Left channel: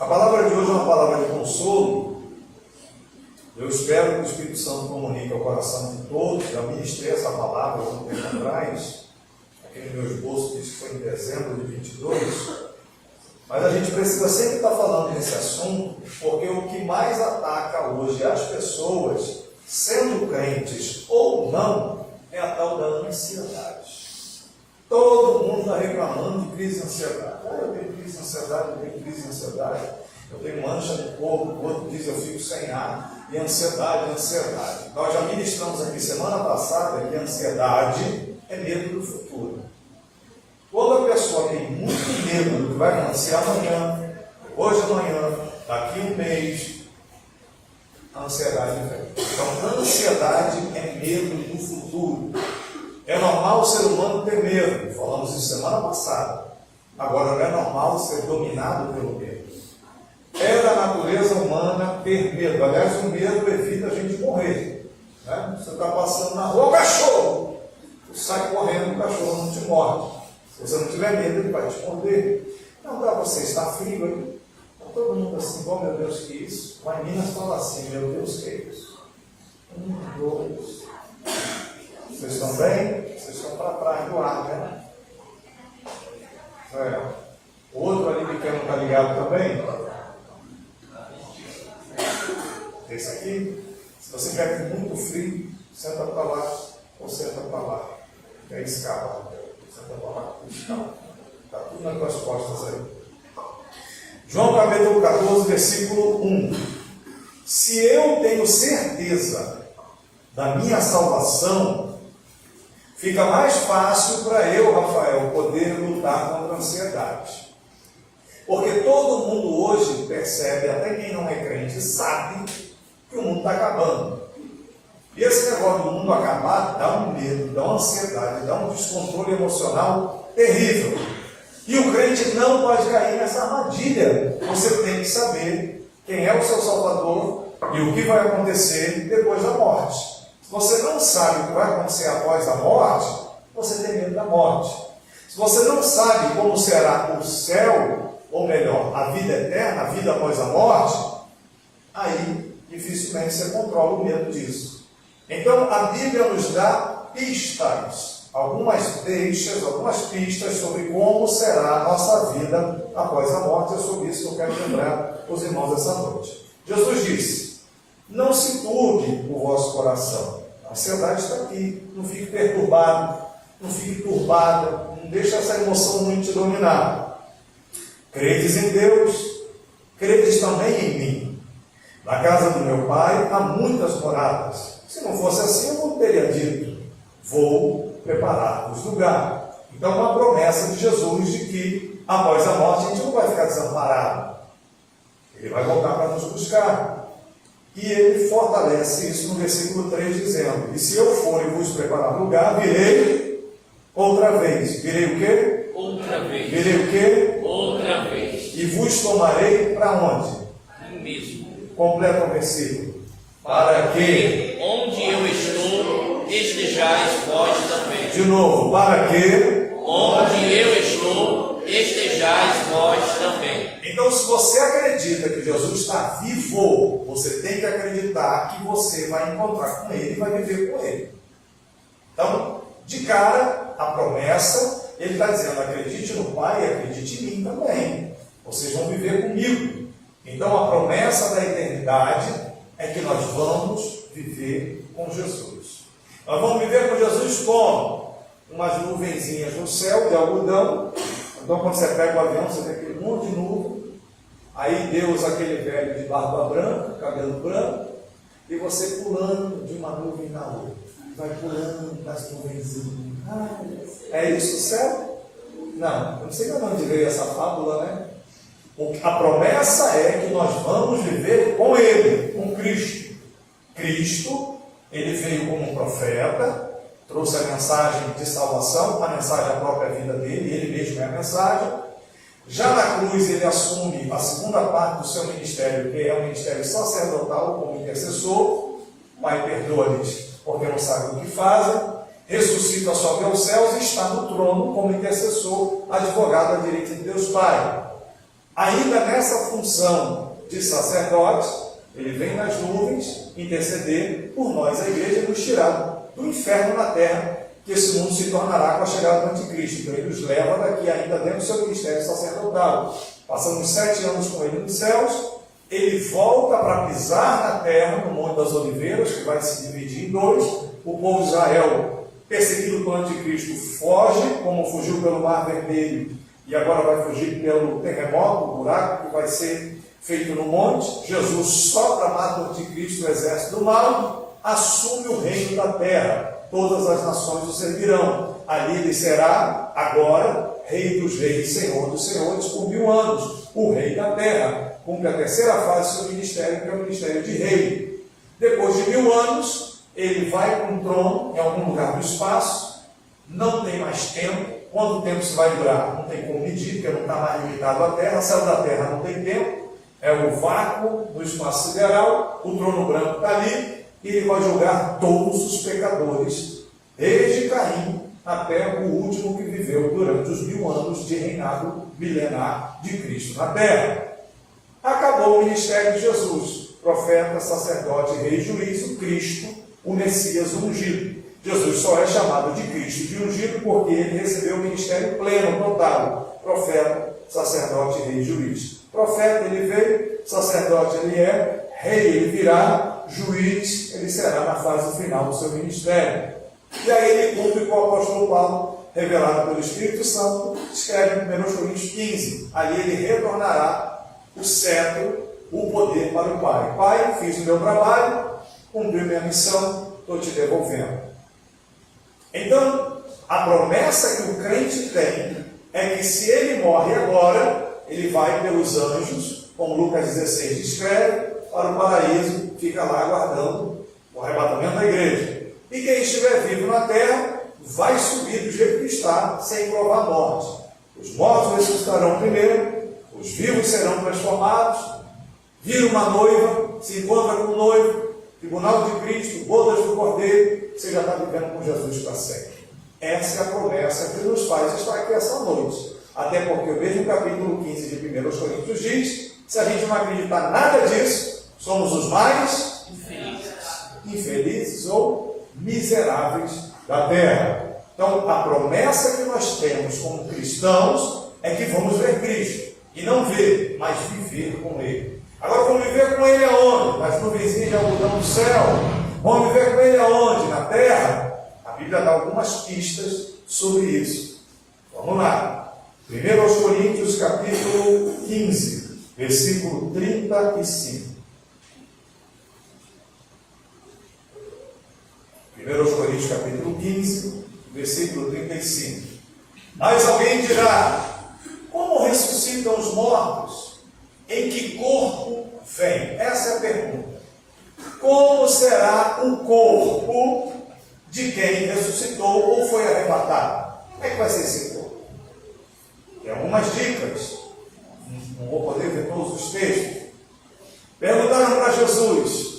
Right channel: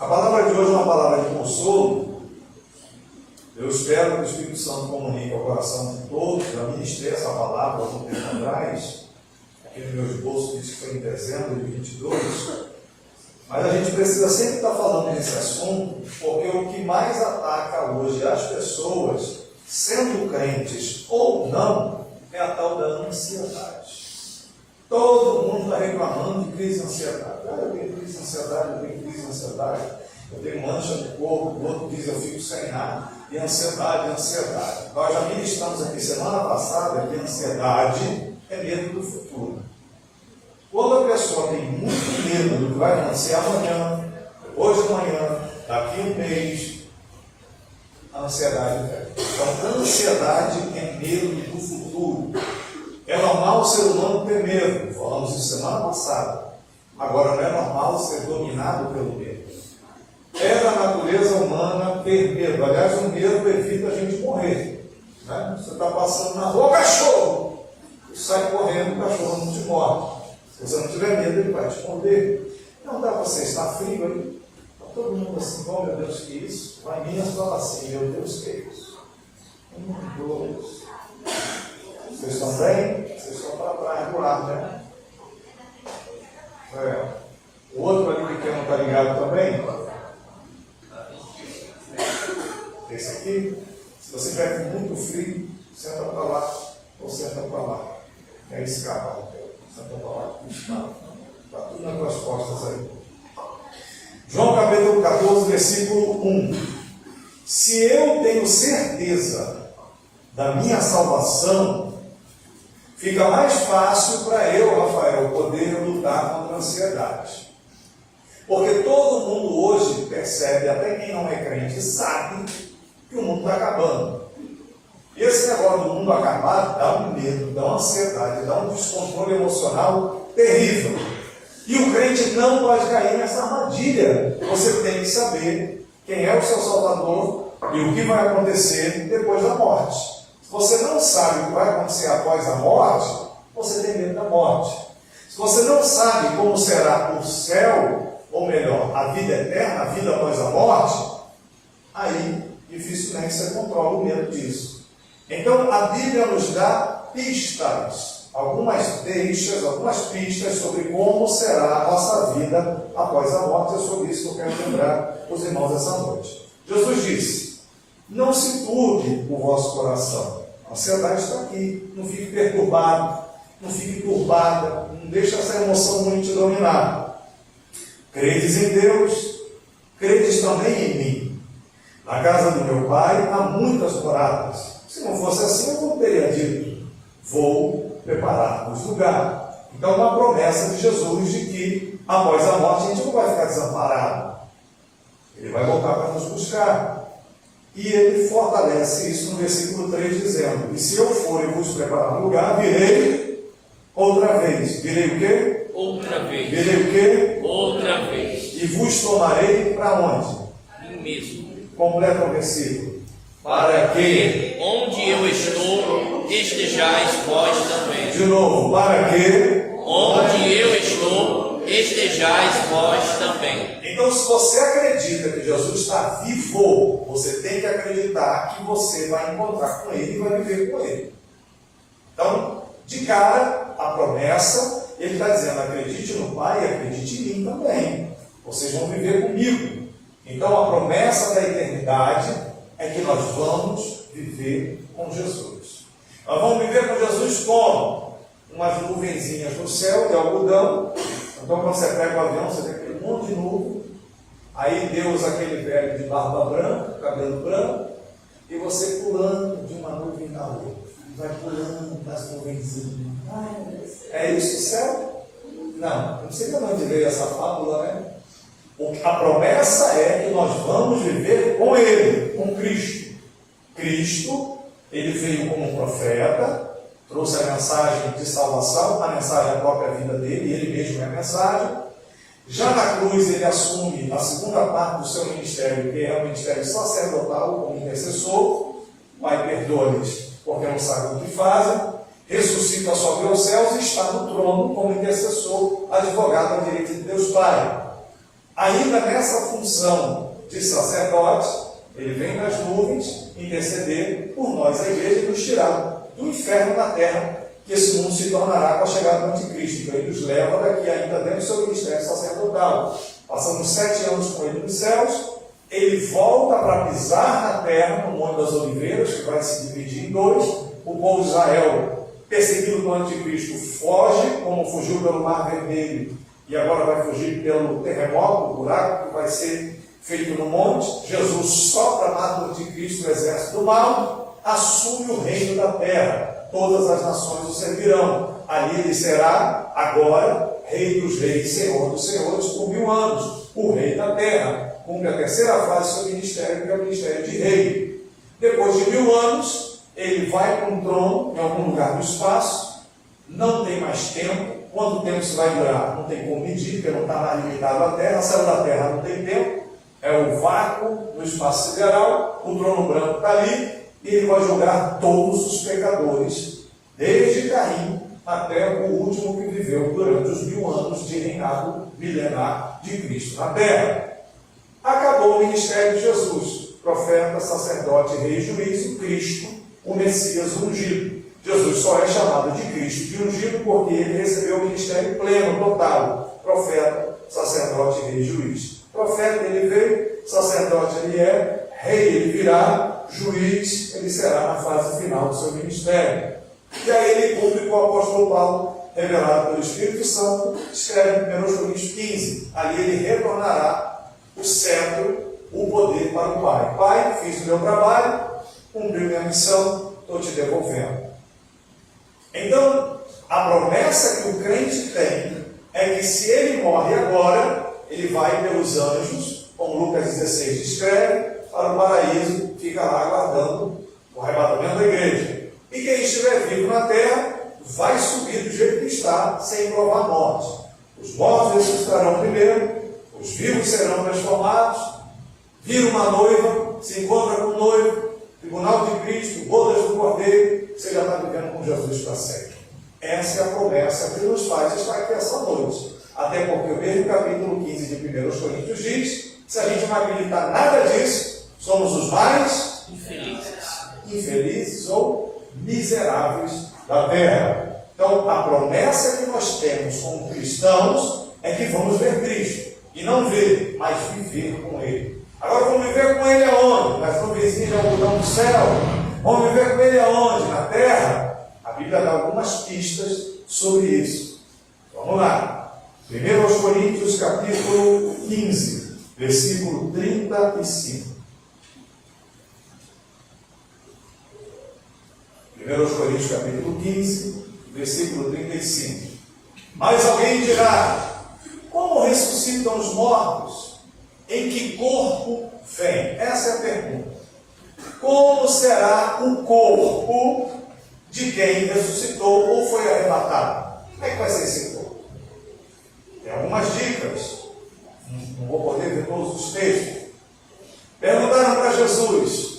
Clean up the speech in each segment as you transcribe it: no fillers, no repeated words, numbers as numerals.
A palavra de hoje é uma palavra de consolo. Eu espero que o Espírito Santo comunique ao coração de todos. Já ministrei essa palavra há um tempo atrás. Aqui no meu esboço diz que foi em dezembro de 22. Mas a gente precisa sempre estar falando desse assunto, porque o que mais ataca hoje as pessoas, sendo crentes ou não, é a tal da ansiedade. Todo mundo está reclamando de crise de ansiedade. Eu tenho crise de ansiedade, eu tenho crise de ansiedade. Eu tenho mancha no corpo, o outro diz eu fico sem ar. E ansiedade, ansiedade. Nós já ministramos aqui semana passada que a ansiedade é medo do futuro. Quando a pessoa tem muito medo do que vai acontecer amanhã, hoje, amanhã, daqui um mês, a ansiedade vem. Então, a ansiedade é medo do futuro. É normal o ser humano ter medo, falamos isso semana passada. Agora, não é normal ser dominado pelo medo. É da natureza humana ter medo. Aliás, o medo evita a gente morrer. Né? Você está passando na rua, o cachorro! Você sai correndo, o cachorro não te morde. Se você não tiver medo, ele vai te morder. Não dá para você estar frio aí. Está todo mundo assim, oh meu Deus, que isso? Vai Minas fala assim, meu Deus, que isso? 1, 2. Vocês estão bem? Vocês estão para trás do ar, né? O outro ali pequeno está ligado também? Esse aqui, se você tiver com muito frio, senta para lá ou senta para lá. E aí escapa. Senta para lá, escapa. Está tudo nas tuas costas aí. João capítulo 14, versículo 1. Se eu tenho certeza da minha salvação, fica mais fácil para eu, Rafael, poder lutar contra a ansiedade. Porque todo mundo hoje percebe, até quem não é crente, sabe que o mundo está acabando. E esse negócio do mundo acabar dá um medo, dá uma ansiedade, dá um descontrole emocional terrível. E o crente não pode cair nessa armadilha. Você tem que saber quem é o seu Salvador e o que vai acontecer depois da morte. Se você não sabe o que vai acontecer após a morte, você tem medo da morte. Se você não sabe como será o céu, ou melhor, a vida eterna, a vida após a morte, aí dificilmente você controla o medo disso. Então a Bíblia nos dá pistas, algumas pistas sobre como será a nossa vida após a morte. É sobre isso que eu quero lembrar os irmãos essa noite. Jesus disse: não se turbe o vosso coração. A ansiedade está aqui. Não fique perturbado, não fique turbada, não deixe essa emoção muito te dominar. Credes em Deus, credes também em mim. Na casa do meu pai há muitas moradas. Se não fosse assim, eu não teria dito: vou preparar-vos lugar. Então, uma promessa de Jesus de que após a morte a gente não vai ficar desamparado. Ele vai voltar para nos buscar. E ele fortalece isso no versículo 3, dizendo: e se eu for e vos preparar lugar, virei outra vez. Virei o quê? Outra vez. Virei o quê? Outra vez. E vos tomarei para onde? Em mesmo. Completa o versículo. Para que, onde eu estou, estejais vós também. De novo, para que? Onde eu estou, estejais vós também. Então, se você acredita que Jesus está vivo, você tem que acreditar que você vai encontrar com Ele e vai viver com Ele. Então, de cara, a promessa, Ele está dizendo: acredite no Pai e acredite em mim também. Vocês vão viver comigo. Então, a promessa da eternidade é que nós vamos viver com Jesus. Nós vamos viver com Jesus como? Umas nuvenzinhas no céu de algodão. Então, quando você pega o avião, você tem aquele monte de nuvem. Aí Deus, aquele velho de barba branca, cabelo branco, e você pulando de uma nuvem na outra. Vai pulando das nuvenzinhas. É isso o céu? Não, não sei de onde veio essa fábula, né? A promessa é que nós vamos viver com Ele, com Cristo. Cristo, Ele veio como um profeta, trouxe a mensagem de salvação, a mensagem da própria vida dele, Ele mesmo é a mensagem. Já na cruz Ele assume a segunda parte do seu ministério, que é o ministério sacerdotal como intercessor. Pai, perdoa-lhes, porque não sabem o que fazem. Ressuscita, sobe aos céus e está no trono como intercessor, advogado à direita de Deus Pai. ainda nessa função de sacerdote, ele vem nas nuvens interceder por nós, a igreja, e nos tirar do inferno na terra, que esse mundo se tornará com a chegada do anticristo. Então ele nos leva daqui ainda dentro do seu ministério sacerdotal. Passamos 7 anos com ele nos céus, ele volta para pisar na terra, no Monte das Oliveiras, que vai se dividir em 2. O povo de Israel, perseguido pelo anticristo, foge, como fugiu pelo Mar Vermelho, e agora vai fugir pelo terremoto, o buraco que vai ser feito no monte. Jesus sopra, mata o anticristo, o exército do mal, assume o reino da terra. Todas as nações o servirão. Ali ele será, agora, Rei dos reis, Senhor dos senhores, por 1000 anos. O rei da terra. Cumpre a terceira fase do seu ministério, que é o ministério de rei. Depois de 1000 anos, ele vai para um trono, em algum lugar do espaço. Não tem mais tempo. Quanto tempo isso vai durar? Não tem como medir, porque não está mais limitado à terra. Saiu da terra, não tem tempo. É o vácuo do espaço sideral. O trono branco está ali. E ele vai julgar todos os pecadores, desde Caim até o último que viveu durante os 1000 anos de reinado milenar de Cristo na terra. Acabou o ministério de Jesus, profeta, sacerdote, rei e juiz, o Cristo, o Messias ungido. Jesus só é chamado de Cristo de ungido porque ele recebeu o ministério pleno, total, profeta, sacerdote, rei e juiz. Profeta ele veio, sacerdote ele é, rei ele virá, juiz, ele será na fase final do seu ministério. E aí ele cumpre com o apóstolo Paulo, revelado pelo Espírito Santo, escreve em 1 Coríntios 15. Ali ele retornará o cetro, o poder para o Pai. Pai, fiz o meu trabalho, cumpri minha missão, estou te devolvendo. Então, a promessa que o crente tem é que se ele morre agora, ele vai pelos anjos, como Lucas 16 descreve, para o paraíso, fica lá aguardando o arrebatamento da igreja. E quem estiver vivo na terra, vai subir do jeito que está, sem provar a morte. Os mortos ressuscitarão primeiro, os vivos serão transformados, vira uma noiva, se encontra com o noivo, tribunal de Cristo, bodas do Cordeiro, você já está vivendo com Jesus para sempre. Essa é a promessa que nos faz estar aqui essa noite. Até porque o mesmo capítulo 15 de 1 Coríntios diz, se a gente não acreditar nada disso, somos os mais infelizes ou miseráveis da terra. Então, a promessa que nós temos como cristãos é que vamos ver Cristo. E não ver, mas viver com Ele. Agora, vamos viver com Ele aonde? Nas nuvenzinhas de algodão do céu. Vamos viver com Ele aonde? Na terra? A Bíblia dá algumas pistas sobre isso. Vamos lá. 1 Coríntios capítulo 15, versículo 35. 1 Coríntios capítulo 15, versículo 35. Mas alguém dirá, como ressuscitam os mortos? Em que corpo vem? Essa é a pergunta. Como será o corpo de quem ressuscitou ou foi arrebatado? Como é que vai ser esse corpo? Tem algumas dicas. Não vou poder ver todos os textos. Perguntaram para Jesus.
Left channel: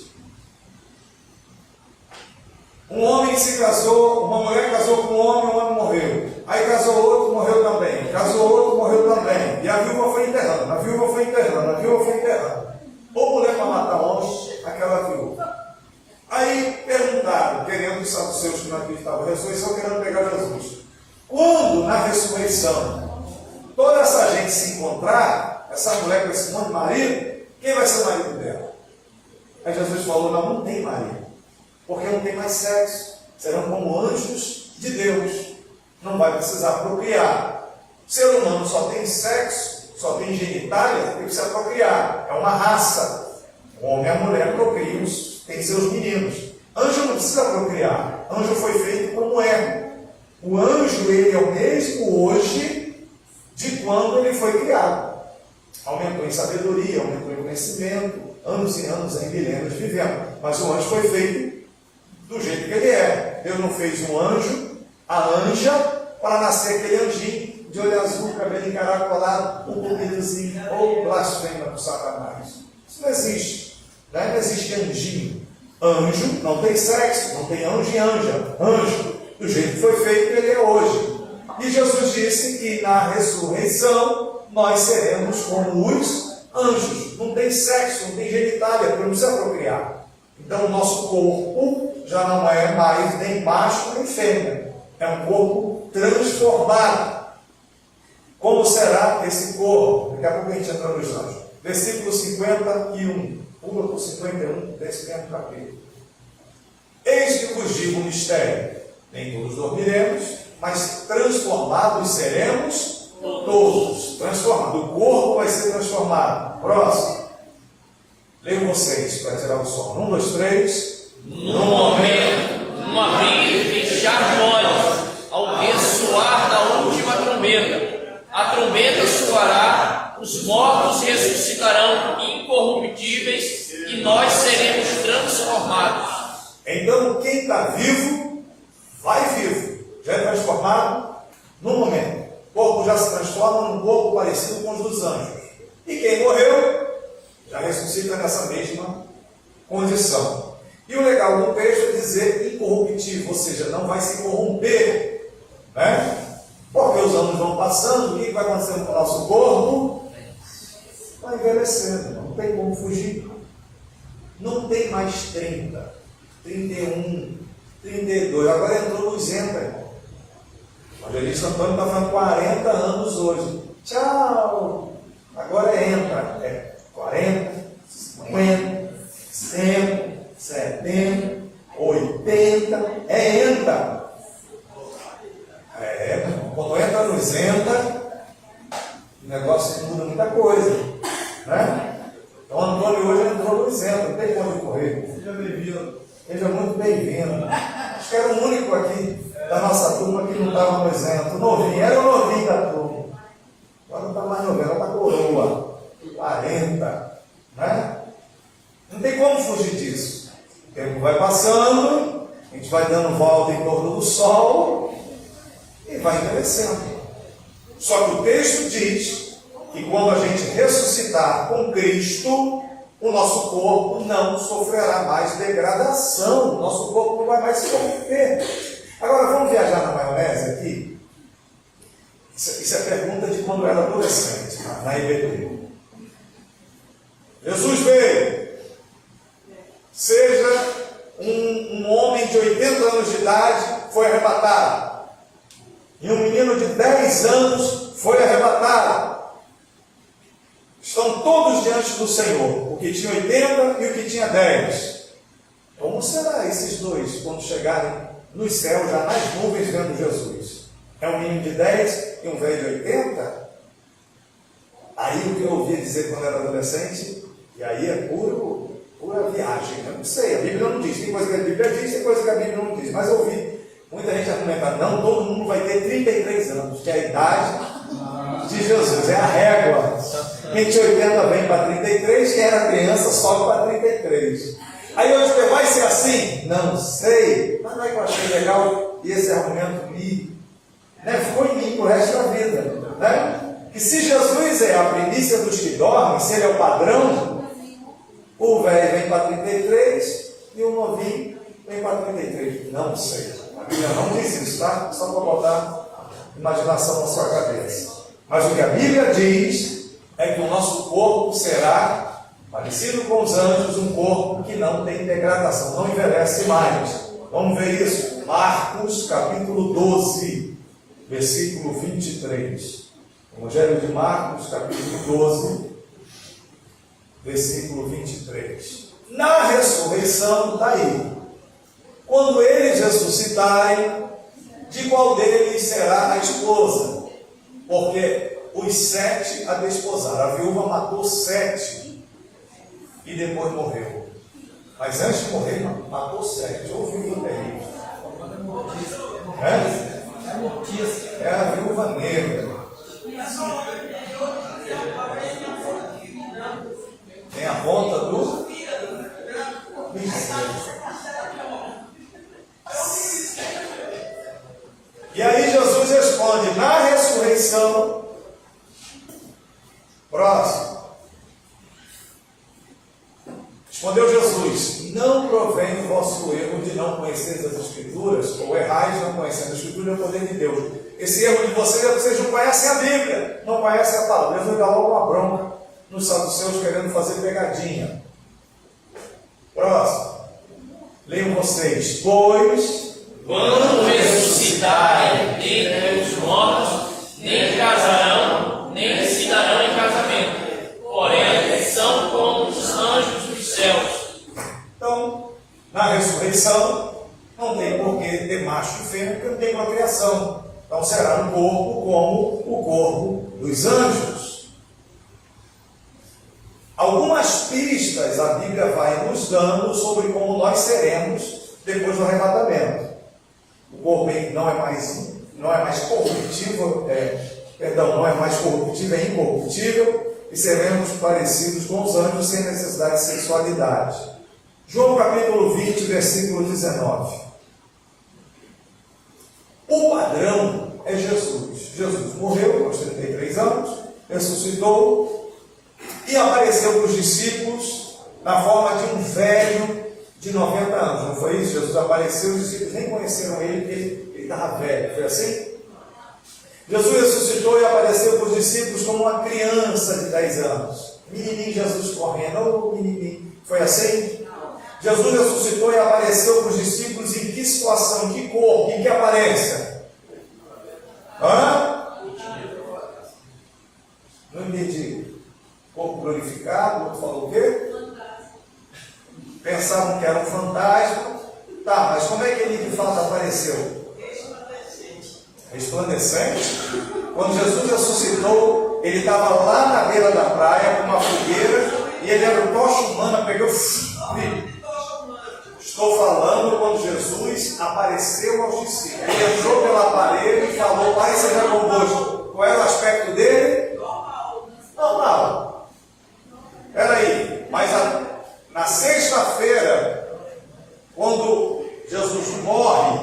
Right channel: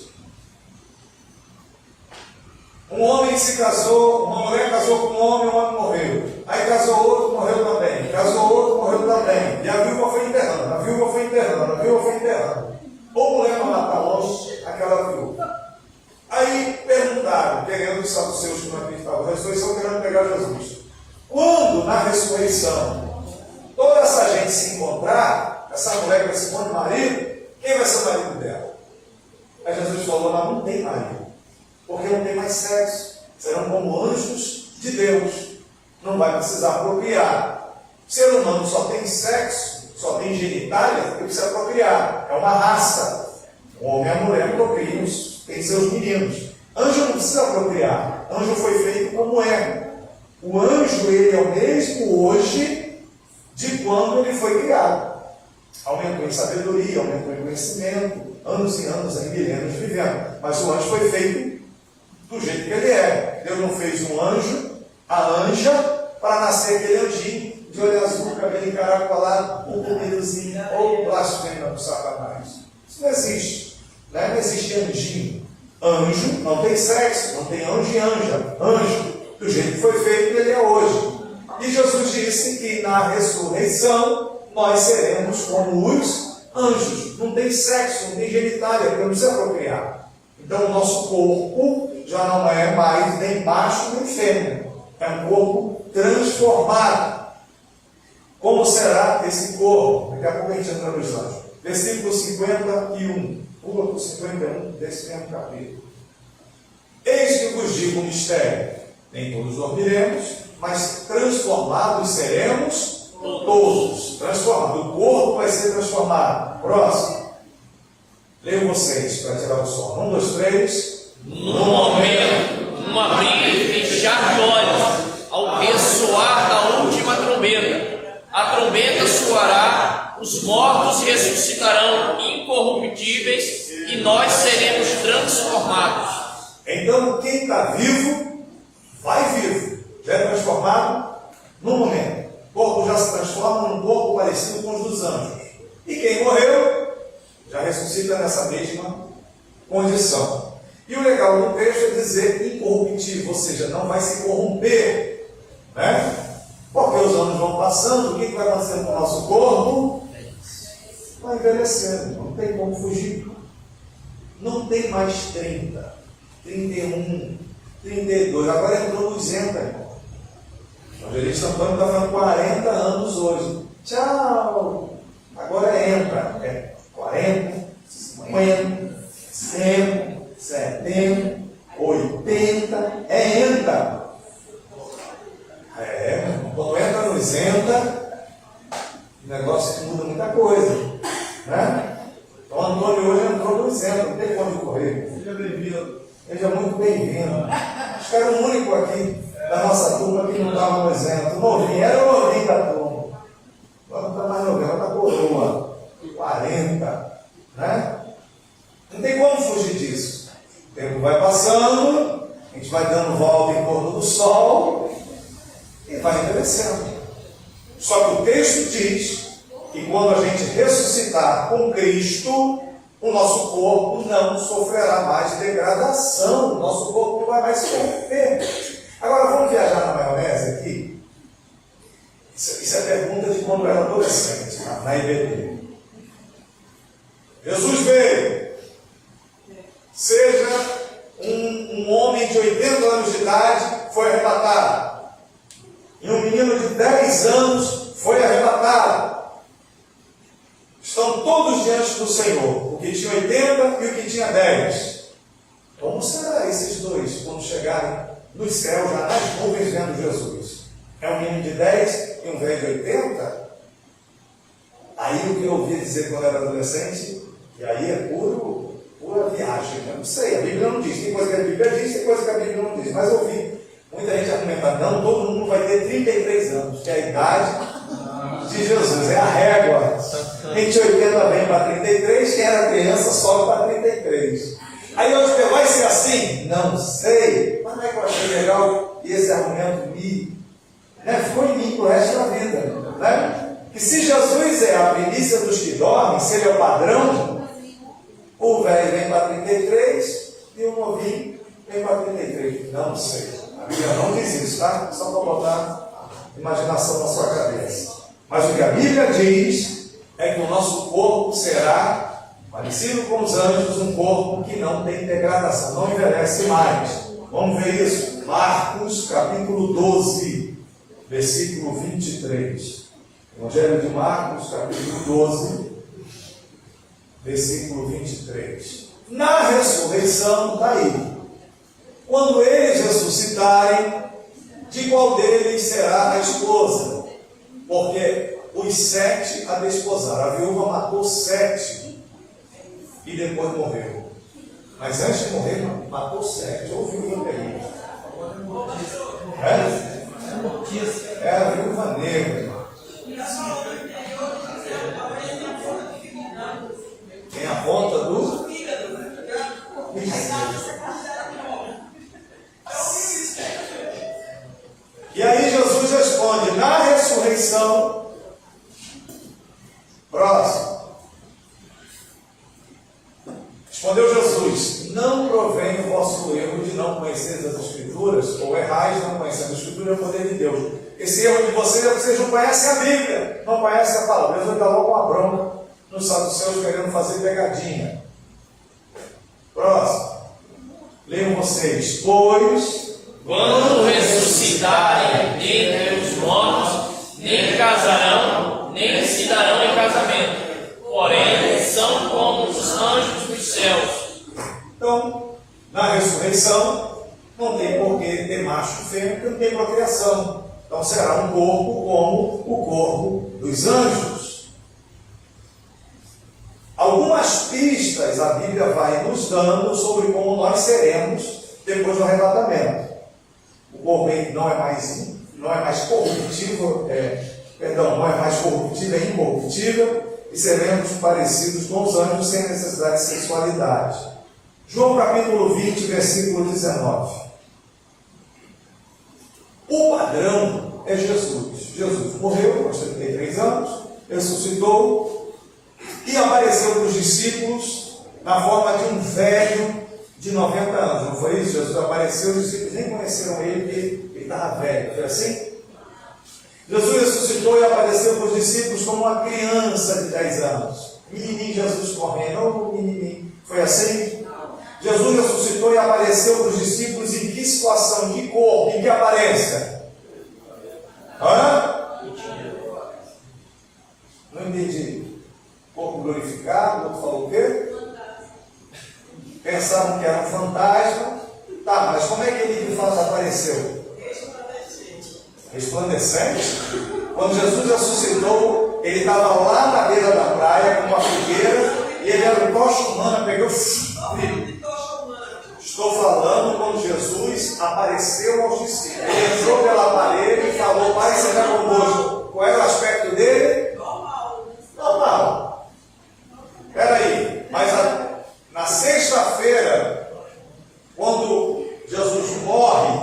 Um homem se casou, uma mulher casou com um homem morreu. Aí casou outro, morreu também. Casou outro, morreu também. E a viúva foi enterrando, a viúva foi enterrando, a viúva foi enterrando. Ou mulher para matar longe, aquela viúva. Aí perguntaram, querendo os saduceus que não acreditavam na ressurreição, querendo pegar Jesus. Quando na ressurreição toda essa gente se encontrar, essa mulher com esse monte de marido, quem vai ser marido dela? Aí Jesus falou, não tem marido. Porque não tem mais sexo. Serão como anjos de Deus. Não vai precisar procriar. O ser humano só tem sexo, só tem genitália, porque precisa procriar. É uma raça. O homem e a mulher procriam, tem seus meninos. Anjo não precisa procriar. Anjo foi feito como é. O anjo, ele é o mesmo hoje de quando ele foi criado. Aumentou em sabedoria, aumentou em conhecimento, anos e anos, em milênios vivendo. Mas o anjo foi feito do jeito que ele é. Deus não fez um anjo, a anja, para nascer aquele anjinho de olho azul, cabelo encaracolado, um comidozinho, ou blasfema do Satanás. Isso não existe. Não existe anjinho. Anjo não tem sexo, não tem anjo e anja. Anjo, do jeito que foi feito, ele é hoje. E Jesus disse que na ressurreição nós seremos como os anjos. Não tem sexo, não tem genitália, porque não se procriar. Então o nosso corpo já não é mais nem macho nem fêmea. É um corpo transformado. Como será esse corpo? Daqui a pouco a gente entra nos anjos. Versículo 51. Pula para o 51 desse mesmo capítulo. Eis que vos digo um mistério. Nem todos dormiremos, mas transformados seremos todos. Transformados. O corpo vai ser transformado. Próximo. Leiam vocês para tirar o som. 1, 2, 3. No momento, numa abrir e fechar de olhos, ao ressoar da última trombeta. A trombeta soará, os mortos ressuscitarão incorruptíveis e nós seremos transformados. Então quem está vivo, vai vivo. Já é transformado no momento. O corpo já se transforma num corpo parecido com os dos anjos. E quem morreu, já ressuscita nessa mesma condição. E o legal do texto é dizer incorruptível, ou seja, não vai se corromper, né? Porque os anos vão passando, o que vai acontecendo com o nosso corpo? Vai envelhecendo, não tem como fugir. Não tem mais 30, 31, 32, agora entrou nos 80, irmão. O evangelista Antônio está falando 40 anos hoje. Tchau! Agora entra, 40, 50, 60, 70, 80, entra. Quando entra nos entra, o negócio muda muita coisa, né? Então Antônio hoje entrou nos entra, não tem como correr. Seja bem-vindo. Seja muito bem-vindo. Acho que era o único aqui da nossa turma que não estava no exemplo. Novinho, era o novinho da turma. Agora não está mais novinho, agora está coroa. 40, né? Não tem como fugir disso. O tempo vai passando, a gente vai dando volta em torno do sol e vai envelhecendo. Só que o texto diz que quando a gente ressuscitar com Cristo, o nosso corpo não sofrerá mais degradação, o nosso corpo não vai mais se corromper. Agora vamos viajar na maionese aqui. Isso é pergunta de quando eu era adolescente, na IBT. Jesus veio, seja um homem de 80 anos de idade, foi arrebatado. E um menino de 10 anos foi arrebatado. Estão todos diante do Senhor, o que tinha 80 e o que tinha 10. Como será esses dois quando chegarem no céu, já nas nuvens, vendo Jesus? É um menino de 10 e um velho de 80? Aí o que eu ouvi dizer quando era adolescente, e aí é pura viagem, né? Não sei, a Bíblia não diz, tem coisa que a Bíblia diz, tem coisa que a Bíblia não diz, mas eu ouvi muita gente argumentar, não, todo mundo vai ter 33 anos, que é a idade de Jesus, é a régua. Quem tinha 80 vem para 33, quem era criança sobe para 33. Aí hoje vai ser assim? Não sei, mas não é que eu achei legal, e esse argumento ficou em mim para o resto da vida, né? Que se Jesus é a primícia dos que dormem, se ele é o padrão, o velho vem para 33 e o novinho vem para 33. Não sei. A Bíblia não diz isso, tá? Só para botar imaginação na sua cabeça. Mas o que a Bíblia diz é que o nosso corpo será parecido com os anjos, um corpo que não tem degradação, não envelhece mais. Vamos ver isso. Marcos capítulo 12, versículo 23. Evangelho de Marcos, capítulo 12, versículo 23. Na ressurreição, está aí. Quando eles ressuscitarem, de qual deles será a esposa? Porque os 7 a desposaram. A viúva matou 7 e depois morreu. Mas antes de morrer, matou 7. Ou viúva terrível. É a viúva negra. Tem a ponta do... E aí Jesus responde, na ressurreição, próximo. Respondeu Jesus, não provém o vosso erro de não conheceres as Escrituras, ou errais não conhecendo a Escritura, é o poder de Deus. Esse erro de vocês é que vocês não conhecem a Bíblia, não conhecem a palavra. Deus dá logo uma bronca nos saduceus querendo fazer pegadinha. Próximo. Leiam vocês. Pois, quando ressuscitarem dentre os mortos, nem casarão, nem se darão em casamento. Porém, são como os anjos dos céus. Então, na ressurreição, não tem por que ter macho e fêmea, porque não tem procriação. Então será um corpo como o corpo dos anjos. Algumas pistas a Bíblia vai nos dando sobre como nós seremos depois do arrebatamento. O corpo não é mais corruptível, não é mais corruptível, é incorruptível, e seremos parecidos com os anjos sem necessidade de sexualidade. João capítulo 20, versículo 19. O padrão é Jesus. Jesus morreu aos 33 anos, ressuscitou e apareceu para os discípulos na forma de um velho de 90 anos. Não foi isso? Jesus apareceu, os discípulos nem conheceram ele, porque ele estava velho. Foi assim? Jesus ressuscitou e apareceu para os discípulos como uma criança de 10 anos. Menininho Jesus correndo, menininho. Foi assim? Jesus ressuscitou e apareceu para os discípulos em que situação de corpo? Em que aparência? Não entendi. Corpo glorificado, o outro falou o quê? Pensavam que era um fantasma. Tá, mas como é que ele de fato apareceu? Resplandecente. Quando Jesus ressuscitou, ele estava lá na beira da praia com uma fogueira e ele era um tocha humana, pegou. Estou falando quando Jesus apareceu aos discípulos. Ele entrou pela parede e falou: Pai, você vai convosco. Qual era o aspecto dele? Normal. Peraí, mas na sexta-feira, quando Jesus morre,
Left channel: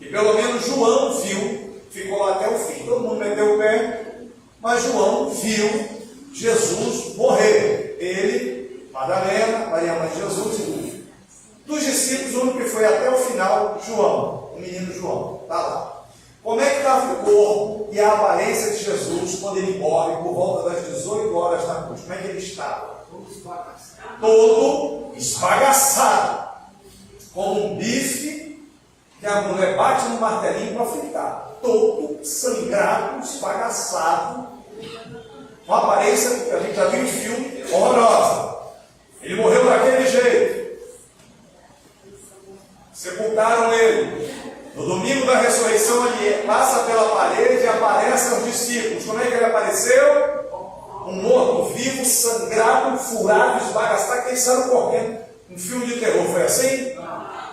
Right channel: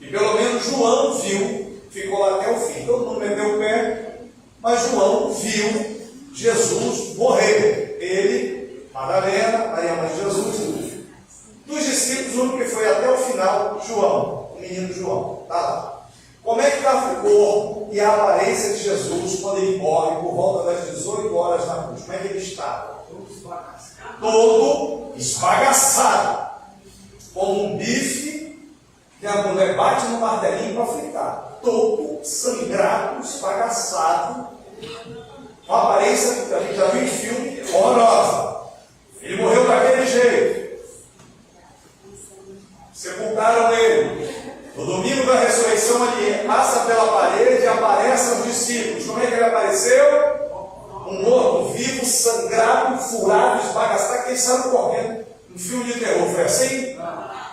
e pelo menos João viu, ficou lá até o fim. Todo mundo meteu o pé, mas João viu Jesus morrer. Ele, Madalena, Maria Mãe de Jesus. Dos discípulos, o único que foi até o final, João, o menino João. Está lá. Como é que estava o corpo e a aparência de Jesus quando ele morre por volta das 18 horas na cruz? Como é que ele estava? Todo esbagaçado. Como um bife que a mulher bate no martelinho para fritar. Todo sangrado, esbagaçado. Uma aparência que a gente já viu em filme horrorosa. Ele morreu daquele jeito. Sepultaram ele. No domingo da ressurreição, ele passa pela parede e aparece aos discípulos. Como é que ele apareceu? Um morto vivo, sangrado, furado, esbagaçado, que eles saíram correndo. Um filme de terror, foi assim?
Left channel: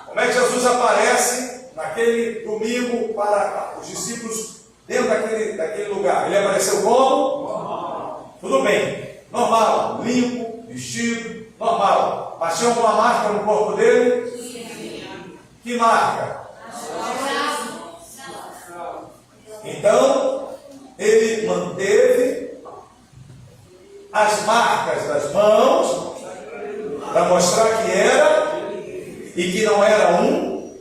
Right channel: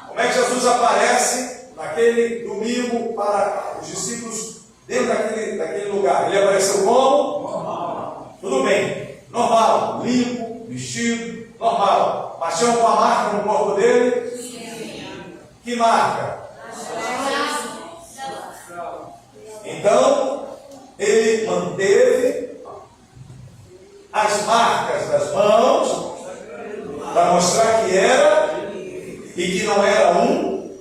Como é que Jesus aparece naquele domingo para os discípulos dentro daquele lugar? Ele apareceu como? Normal. Tudo bem. Normal. Limpo, vestido, normal. Paixão com a marca no corpo dele? Que marca? Então, ele manteve as marcas das mãos para mostrar que era e que não era um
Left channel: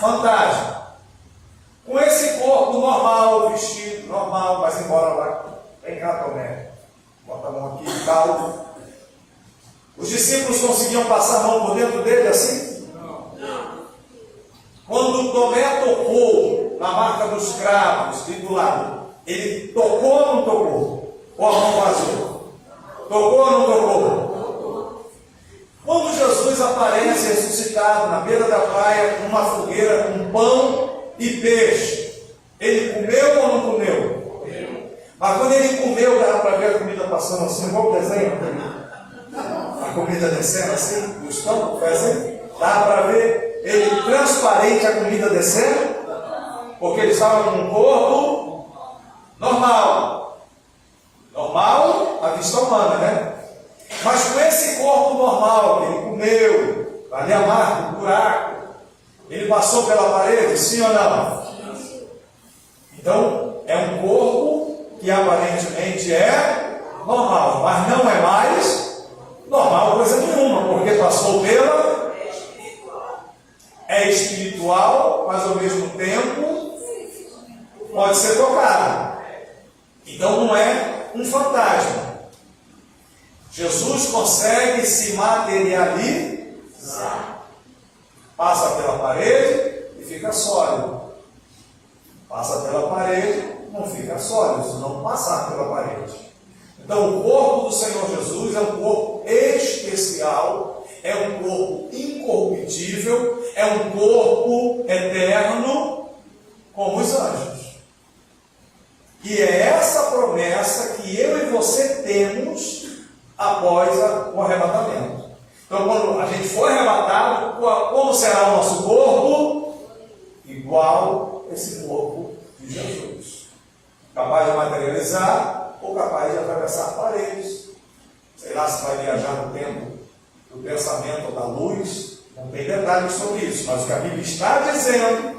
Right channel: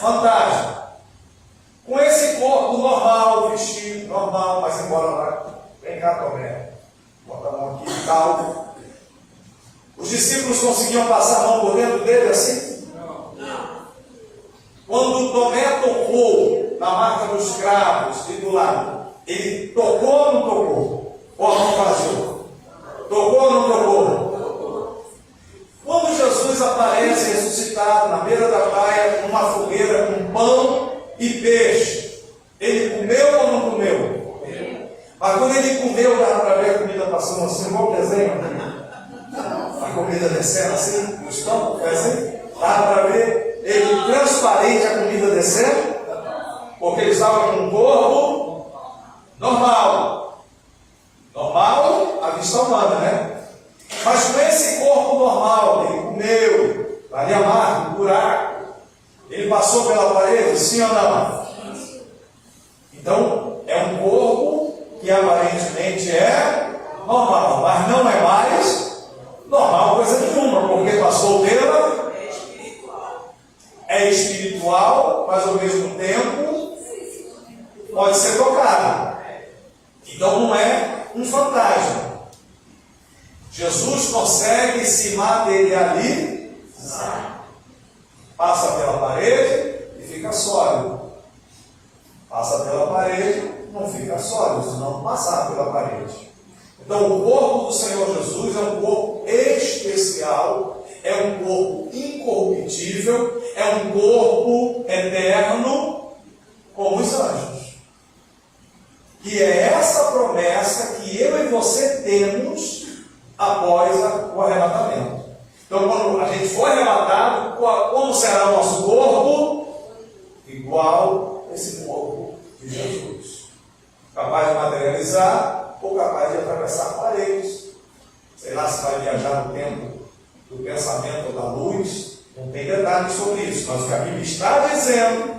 fantasma. Com esse corpo normal, vestido normal, mas embora lá, vem cá, Tomé, bota a mão aqui, calvo. Os discípulos conseguiam passar a mão por dentro dele assim? Quando Tomé tocou na marca dos cravos e do lado, ele tocou ou não tocou? Ou a mão vazou? Tocou ou não tocou? Quando Jesus aparece ressuscitado na beira da praia, numa fogueira com pão e peixe, ele comeu ou não comeu? Mas quando ele comeu, dava para ver a comida passando assim, igual o desenho, a comida descendo assim, no estômago, foi assim? Dá para ver ele transparente a comida descendo, porque ele estava com um corpo normal. Normal, a vista humana, né? Mas com esse corpo normal, ele comeu, ali a marca, o buraco, ele passou pela parede, sim ou não? Então, é um corpo que aparentemente é normal, mas não é mais normal coisa nenhuma, porque passou pela... É espiritual, mas ao mesmo tempo pode ser tocado. Então não é um fantasma. Jesus consegue se materializar. Passa pela parede e fica sólido. Passa pela parede, não fica sólido, se não passar pela parede. Então o corpo do Senhor Jesus é um corpo especial, é um corpo incorruptível, é um corpo eterno, como os anjos. E é essa promessa que eu e você temos após o arrebatamento. Então, quando a gente for arrebatado, como será o nosso corpo? Igual esse corpo de Jesus. Capaz de materializar ou capaz de atravessar paredes. Sei lá se vai viajar no tempo do pensamento ou da luz. Não tem detalhes sobre isso. Mas o que a Bíblia está dizendo,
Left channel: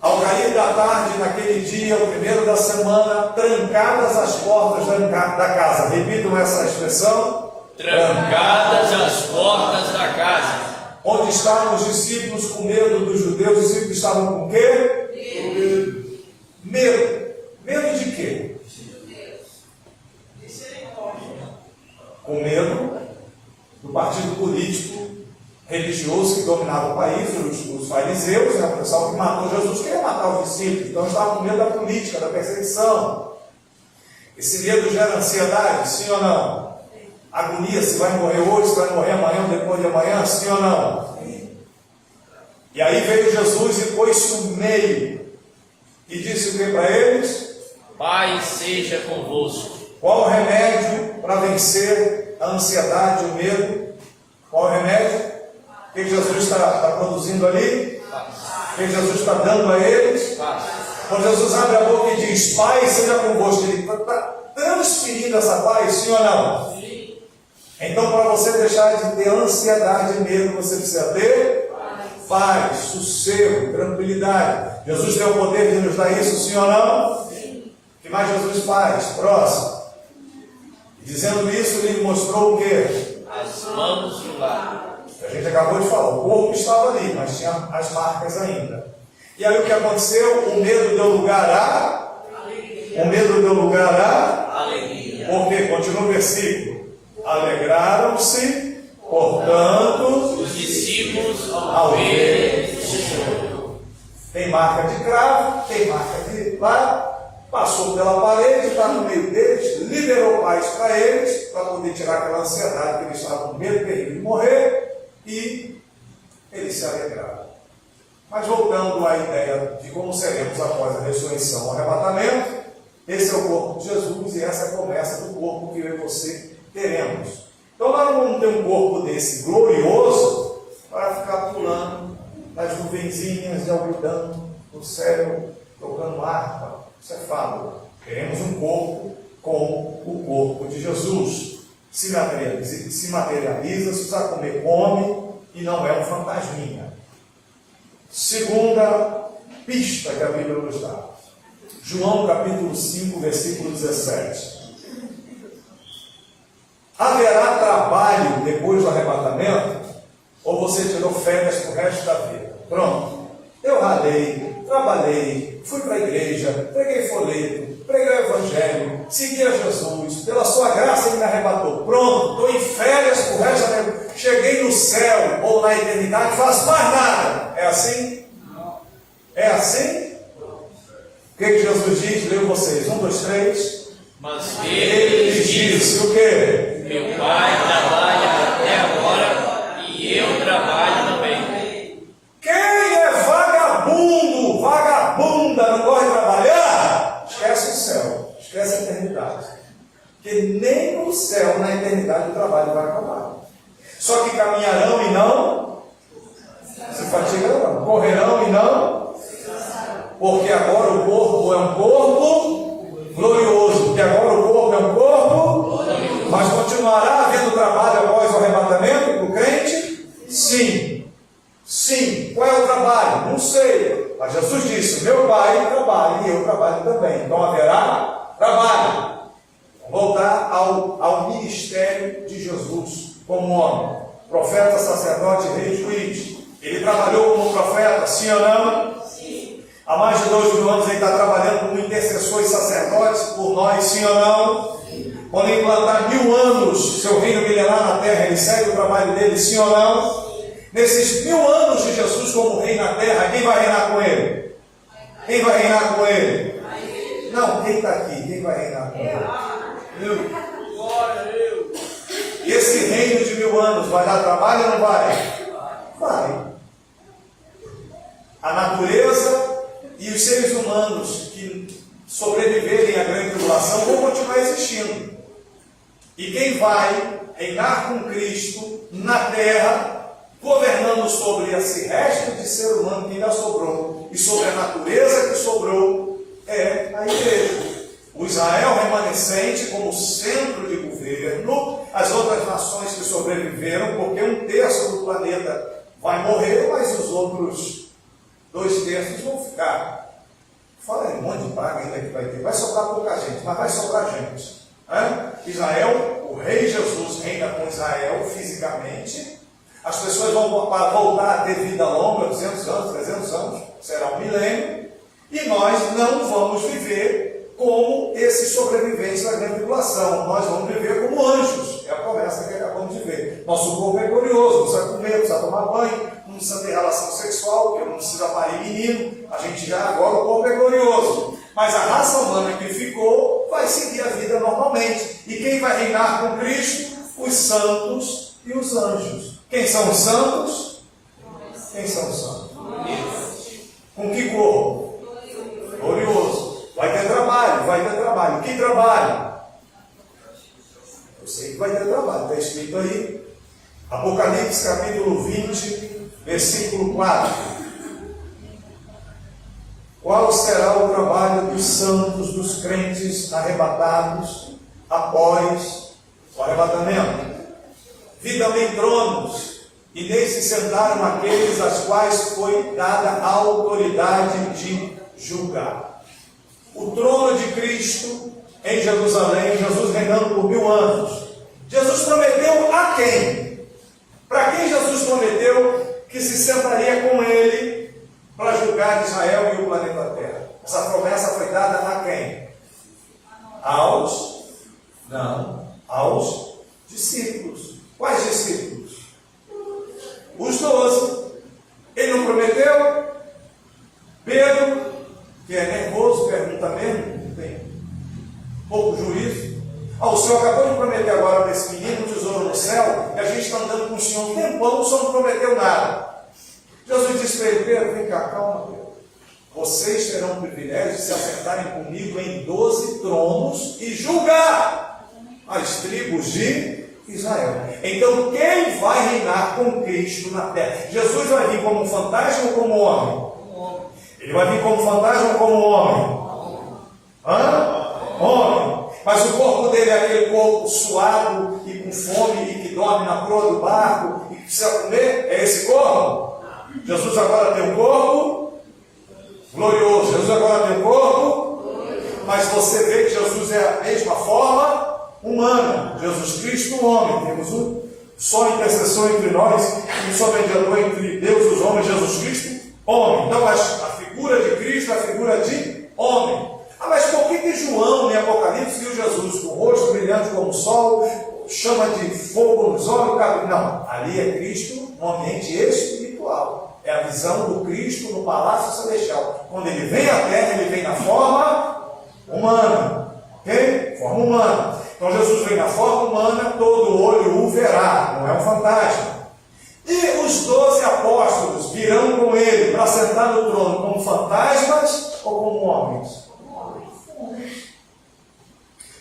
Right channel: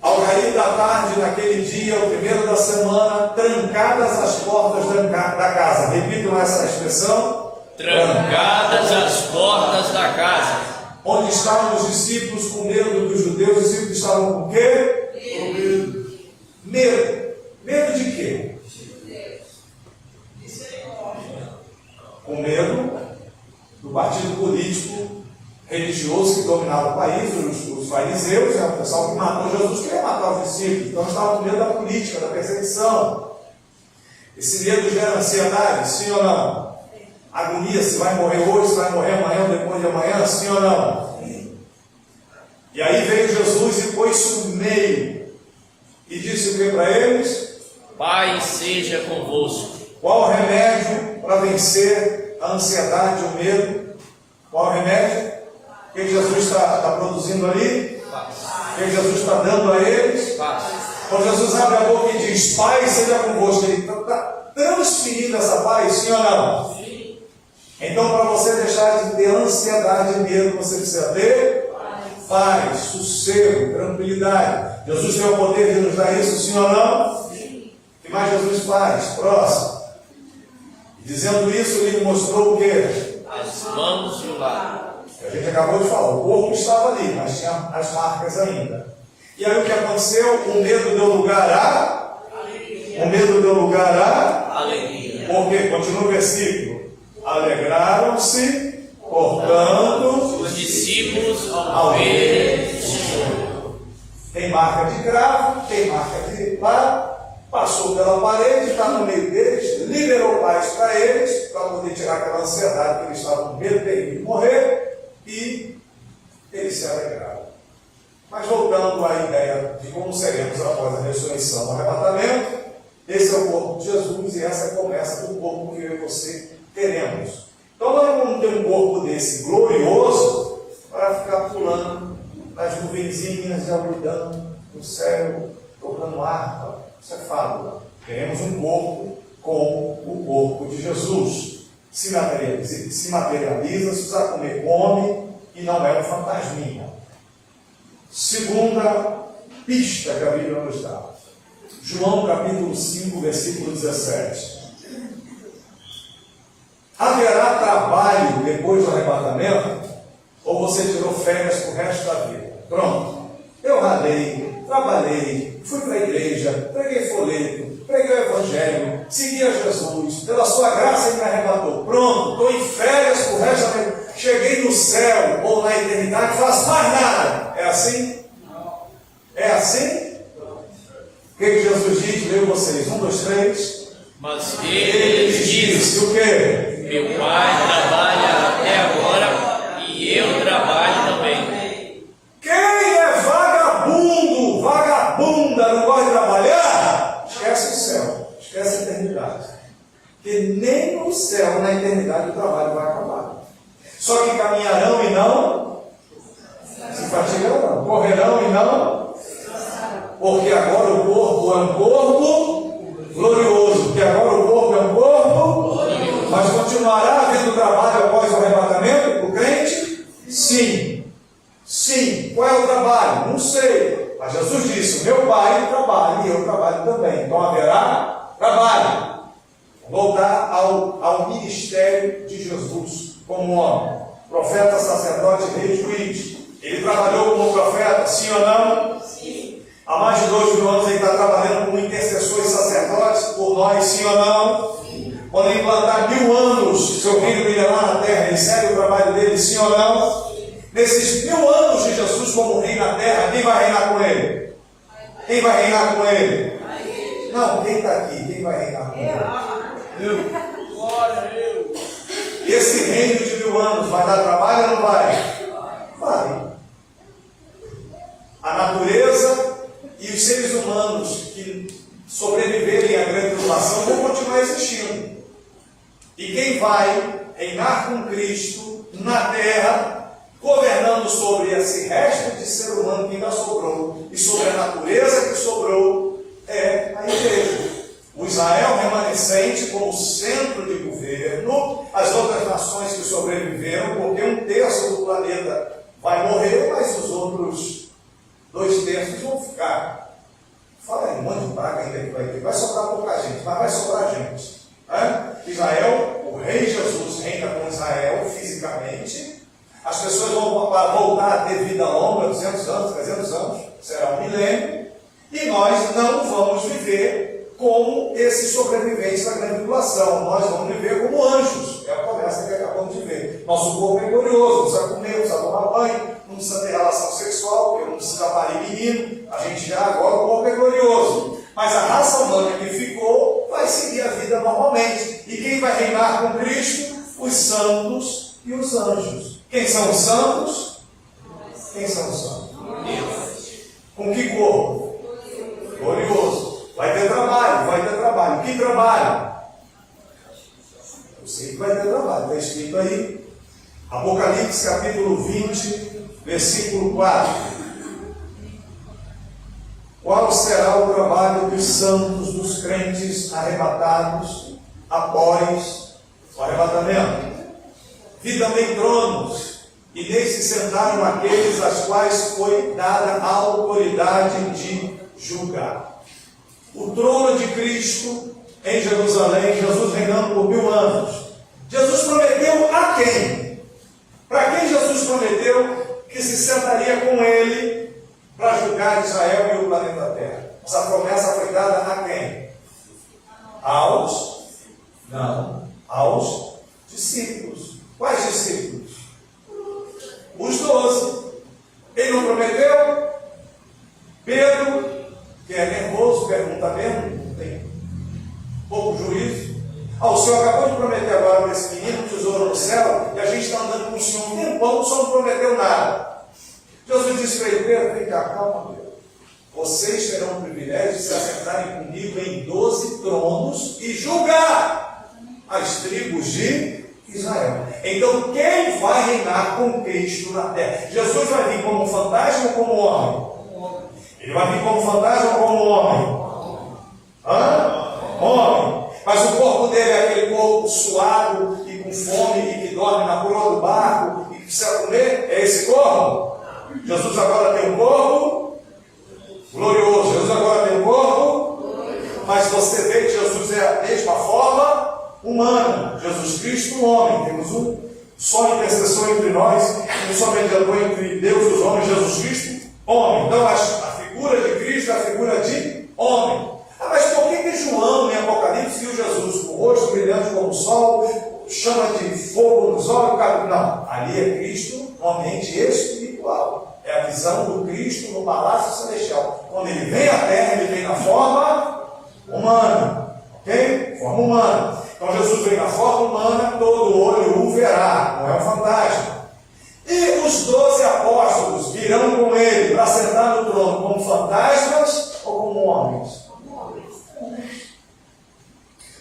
ao cair da tarde, naquele dia, o primeiro da semana, trancadas as portas da casa. Repitam essa expressão. Trancadas as portas da casa. Onde estavam os discípulos com medo dos judeus? Os discípulos estavam com o quê? Com medo. Medo. Medo de quê? Com medo do partido político religioso que dominava o país, os fariseus, o pessoal que matou Jesus, queria matar os discípulos. Então estavam com medo da política, da perseguição. Esse medo gera ansiedade, sim ou não? Agonia, se vai morrer hoje, se vai morrer amanhã, depois de amanhã, sim ou não? E aí veio Jesus e pôs-se no meio e disse o que para eles? Pai seja convosco. Qual o remédio para vencer a ansiedade, o medo? Qual o remédio? O que Jesus está produzindo ali? O que Jesus está dando a eles? Quando Jesus abre a boca e diz, Pai seja convosco, ele está transferindo essa paz, sim ou não? Então, para você deixar de ter ansiedade e medo, você precisa ter paz, sossego, tranquilidade. Jesus tem o poder de nos dar isso, sim ou não? O que mais Jesus faz? Próximo. E dizendo isso, ele mostrou o quê? As mãos e o lado. A gente acabou de falar, o corpo estava ali, mas tinha as marcas ainda. E aí o que aconteceu? O medo deu lugar a... O medo deu lugar a... Alegria. Porque, continua o versículo. Alegraram-se, portanto, Os discípulos ao verem o Senhor. tem marca de cravo, tem marca de pá, passou pela parede, está no meio deles, liberou paz para eles, para poder tirar aquela ansiedade que eles estavam com medo de morrer, e eles se alegraram. Mas voltando à ideia de como seremos após a ressurreição, o arrebatamento, esse é o corpo de Jesus e essa é a promessa do corpo que eu e você teremos. Então nós não vamos ter um corpo desse glorioso para ficar pulando nas nuvenzinhas e orbitando no céu, tocando harpa. Isso é fábula. Teremos um corpo como o corpo de Jesus. Se materializa, se precisar comer, come, e não é um fantasminha. Segunda pista que a Bíblia nos dá. João capítulo 5, versículo 17. Haverá trabalho depois do arrebatamento? Ou você tirou férias para o resto da vida? Pronto. Eu ralei, trabalhei, fui para a igreja, preguei folheto, preguei o evangelho, segui a Jesus, pela sua graça ele me arrebatou. Pronto, estou em férias para o resto da vida. Cheguei no céu ou na eternidade, faço mais nada. É assim? É assim? O que Jesus diz? Leio vocês. 1, 2, 3. Mas ele disse: o quê? Meu Pai trabalha até agora e eu trabalho também. Quem é vagabundo, vagabunda, não gosta de trabalhar, esquece o céu, esquece a eternidade. Porque nem no céu, na eternidade, o trabalho vai acabar. Só que caminharão e não se fatigarão, correrão e não, porque agora o corpo é um corpo glorioso, porque agora o corpo é um corpo, mas continuará havendo trabalho após o arrebatamento do crente? Sim. Sim. Qual é o trabalho? Não sei. Mas Jesus disse: meu Pai trabalha e eu trabalho também. Então haverá trabalho. Voltar ao ministério de Jesus como homem. Profeta, sacerdote, rei e juiz. Ele trabalhou como profeta, sim ou não? Sim. Há mais de 2000 anos ele está trabalhando como intercessor e sacerdote por nós, sim ou não? Quando ele implantar 1000 anos, seu reino milenar na terra, ele segue o trabalho dele, sim ou não? Nesses 1000 anos de Jesus como rei na terra, quem vai reinar com ele? Quem vai reinar com ele? Não, quem está aqui? Quem vai reinar com ele? E esse reino de 1000 anos vai dar trabalho ou não vai? Vai. A natureza e os seres humanos que sobreviverem à grande tribulação vão continuar existindo. E quem vai reinar com Cristo na terra, governando sobre esse resto de ser humano que ainda sobrou, e sobre a natureza que sobrou, é a igreja. O Israel remanescente como centro de governo, as outras nações que sobreviveram, porque 1/3 do planeta vai morrer, mas os outros 2/3 vão ficar. Fala aí, um monte de praga ainda que vai ter. Vai sobrar pouca gente, mas vai sobrar gente. Israel, o rei Jesus reina com Israel fisicamente. As pessoas vão voltar a ter vida longa, 200 anos, 300 anos, será um milênio. E nós não vamos viver como esses sobreviventes da grande tribulação. Nós vamos viver como anjos. É a promessa que acabamos de ver. Nosso corpo é glorioso, não precisa comer, não precisa tomar banho, não precisa ter relação sexual, porque não precisa parir menino. A gente já agora o corpo é glorioso. Mas a raça humana que ficou vai seguir a vida normalmente. E quem vai reinar com Cristo? Os santos e os anjos. Quem são os santos? Quem são os santos? Com que corpo? Glorioso. Vai ter trabalho, vai ter trabalho. Que trabalho? Eu sei que vai ter trabalho, está escrito aí. Apocalipse capítulo 20, versículo 4. Qual será o trabalho dos santos, dos crentes arrebatados após o arrebatamento? Vi também tronos, e neles se sentaram aqueles às quais foi dada a autoridade de julgar. O trono de Cristo em Jerusalém, Jesus reinando por 1000 anos. Jesus prometeu a quem? Para quem Jesus prometeu que se sentaria com ele para julgar Israel e o planeta Terra? Essa promessa foi dada a quem? Aos discípulos. Quais discípulos? Os 12. Ele não prometeu? Pedro, que é nervoso, pergunta mesmo, tem pouco juízo. O senhor acabou de prometer agora para esse menino tesouro no céu, e a gente está andando com o senhor um tempão, o senhor não prometeu nada. Jesus disse para ele: Pedro, vem cá, calma, Pedro. Vocês terão o privilégio de se assentarem comigo em 12 tronos e julgar as tribos de Israel. Então, quem vai reinar com Cristo na terra? Jesus vai vir como um fantasma ou como homem? Ele vai vir como fantasma ou como homem? Homem. Mas o corpo dele é aquele corpo suado e com fome e que dorme na proa do barco e que precisa comer? É esse corpo? Jesus agora tem um corpo glorioso. Jesus agora tem um corpo, mas você vê que Jesus é a mesma forma humana. Jesus Cristo, um homem. Temos um só intercessor entre nós, um só mediador entre Deus e os homens, Jesus Cristo, homem. Então a figura de Cristo é a figura de homem. Mas por que João, em Apocalipse, viu Jesus com o rosto brilhante como o sol, chama de fogo nos olhos? Não, ali é Cristo no ambiente espiritual. É a visão do Cristo no palácio celestial. Quando ele vem à terra, ele vem na forma humana. Ok? Forma humana. Então Jesus vem na forma humana, todo olho o verá, não é um fantasma. E os 12 apóstolos virão com ele para sentar no trono como fantasmas ou como homens?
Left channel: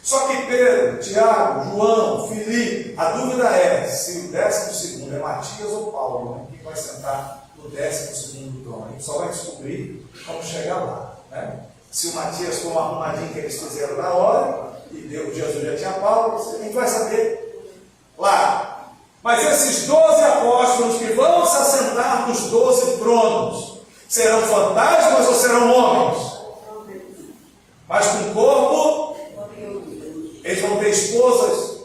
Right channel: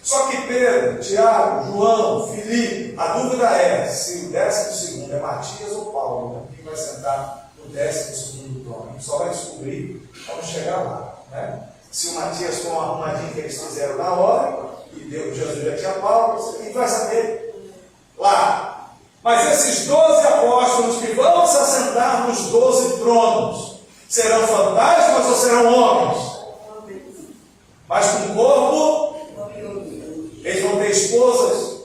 Só que Pedro, Tiago, João, Filipe, a dúvida é se o 12º é Matias ou Paulo, quem vai sentar no 12º trono. A gente só vai descobrir quando chegar lá, né? Se o Matias for uma arrumadinha que eles fizeram na hora, e Deus, Jesus já tinha Paulo, a gente vai saber lá. Mas esses 12 apóstolos que vão se assentar nos 12 tronos, serão fantasmas ou serão homens? Mas com corpo, eles vão ter esposas,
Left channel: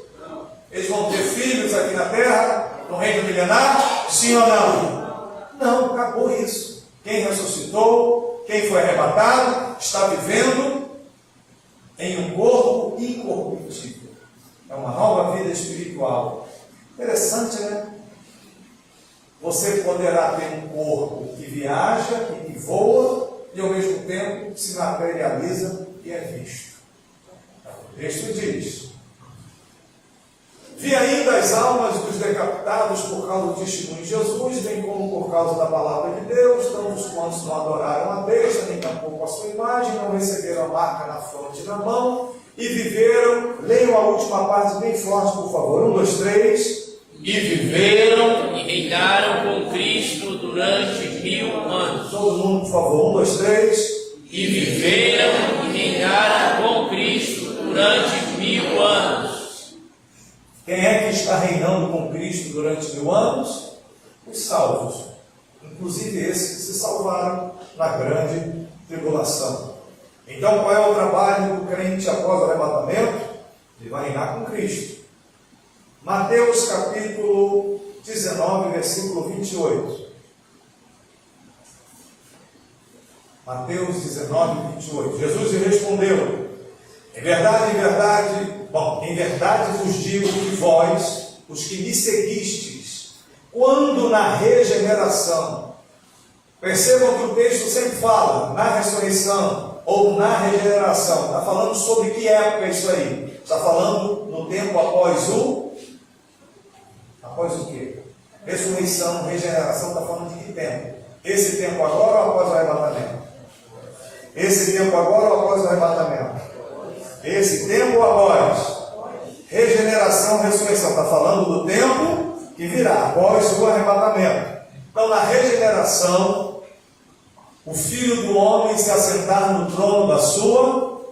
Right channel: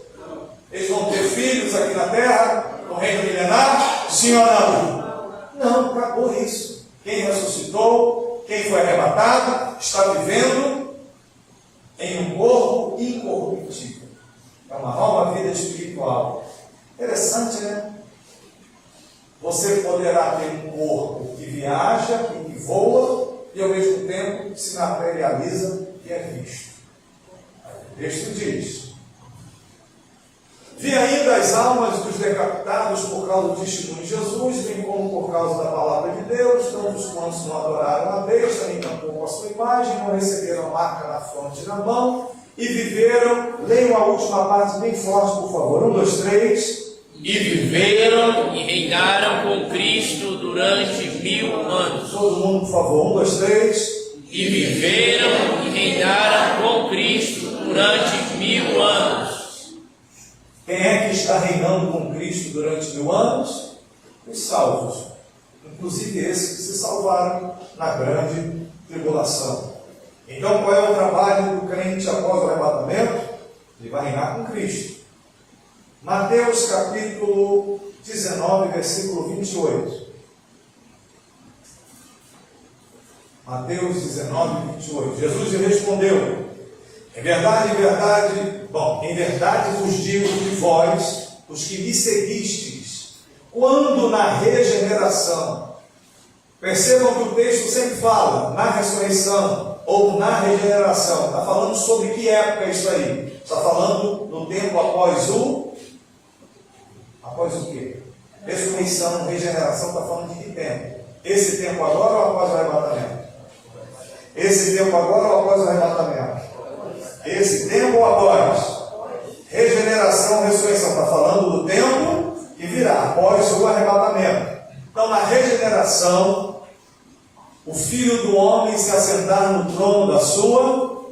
eles vão ter filhos aqui na terra, no reino milenar, sim ou não? Não, acabou isso. Quem ressuscitou, quem Quem foi arrebatado está vivendo em um corpo incorruptível. É uma nova vida espiritual. Interessante, né? Você poderá ter um corpo que viaja e que voa, e ao mesmo tempo se materializa e é visto. O texto diz: vi ainda as almas dos decapitados por causa do testemunho de Jesus, bem como por causa da palavra de Deus, tanto os quantos não adoraram a besta, nem tampouco a sua imagem, não receberam a marca na fronte e na mão, e viveram. Leiam a última parte bem forte, por favor. 1, 2, 3. E viveram e reinaram com Cristo durante 1000 anos. Todo mundo, por favor. 1, 2, 3. E viveram e reinaram com Cristo durante 1000 anos. Quem é que está reinando com Cristo durante 1000 anos? Os salvos. Inclusive esses que se salvaram na grande tribulação. Então, qual é o trabalho do crente após o arrebatamento? Ele vai reinar com Cristo. Mateus capítulo 19, versículo 28. Mateus 19, 28. Jesus lhe respondeu: em verdade vos digo que vós, os que me seguistes, quando na regeneração, percebam que o texto sempre fala na ressurreição ou na regeneração. Está falando sobre que época é isso aí? Está falando no tempo após o quê? Ressurreição, regeneração, está falando de que tempo? Esse tempo agora ou após o arrebatamento? Esse tempo agora ou após o arrebatamento? Esse tempo ou após? Regeneração, ressurreição, está falando do tempo que virá, após o arrebatamento. Então, na regeneração, o Filho do Homem se assentar no trono da sua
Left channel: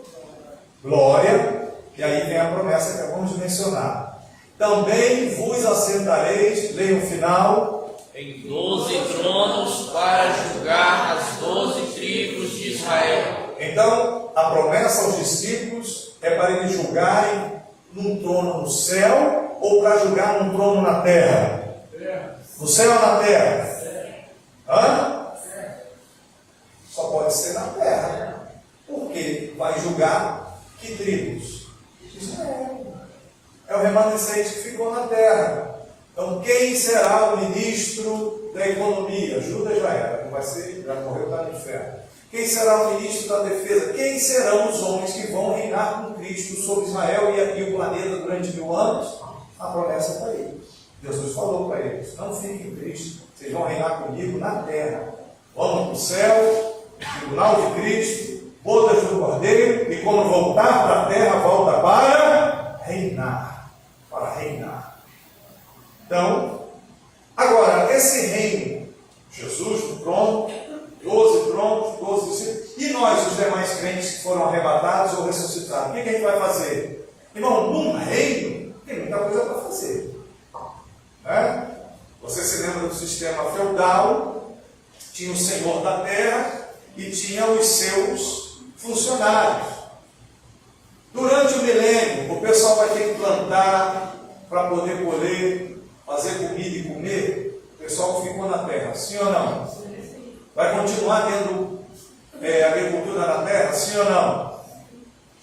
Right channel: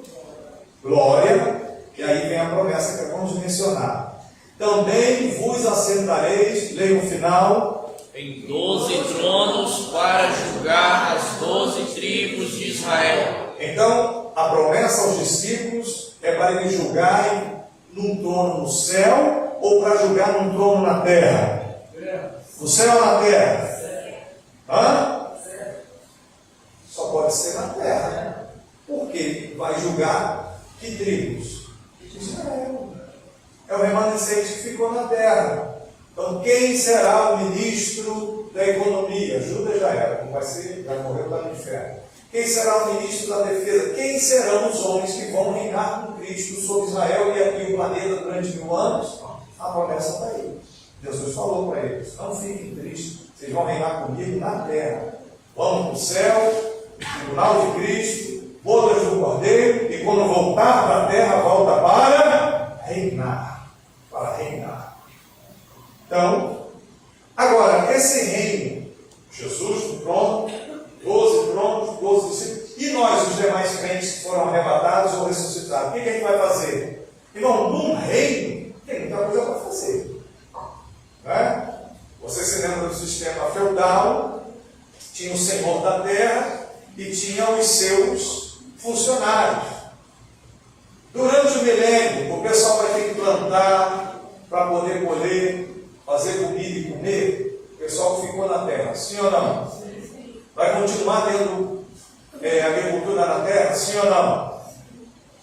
glória, e aí vem a promessa que acabamos de mencionar. Também vos assentareis, leia o final, em 12 tronos para julgar as 12 tribos de Israel. Então, a promessa aos discípulos é para eles julgarem num trono no céu ou para julgar num trono na terra? No céu ou na terra? Hã? Só pode ser na terra. Porque vai julgar que tribos? Israel. É o remanescente que ficou na terra. Então, quem será o ministro da economia? Judas já era, não vai ser, já morreu, está no inferno. Quem será o ministro da defesa? Quem serão os homens que vão reinar com Cristo sobre Israel e aqui o planeta durante 1000 anos? A promessa está aí. Jesus falou para eles: não fiquem tristes, vocês vão reinar comigo na terra. Vamos para o céu, tribunal de Cristo, bodas do Cordeiro, e quando voltar para a terra, volta para reinar. Para reinar. Então, agora, esse reino, Jesus no trono, 12 tronos, 12 discípulos, e nós, os demais crentes que foram arrebatados ou ressuscitados, o que a gente vai fazer? Irmão, num reino, tem muita coisa para fazer. Né? Você se lembra do sistema feudal? Tinha o senhor da terra e tinha os seus funcionários. Durante o milênio, o pessoal vai ter que plantar para poder colher, fazer comida e comer. O pessoal que ficou na terra, sim ou não? Vai continuar tendo agricultura na terra, sim ou não?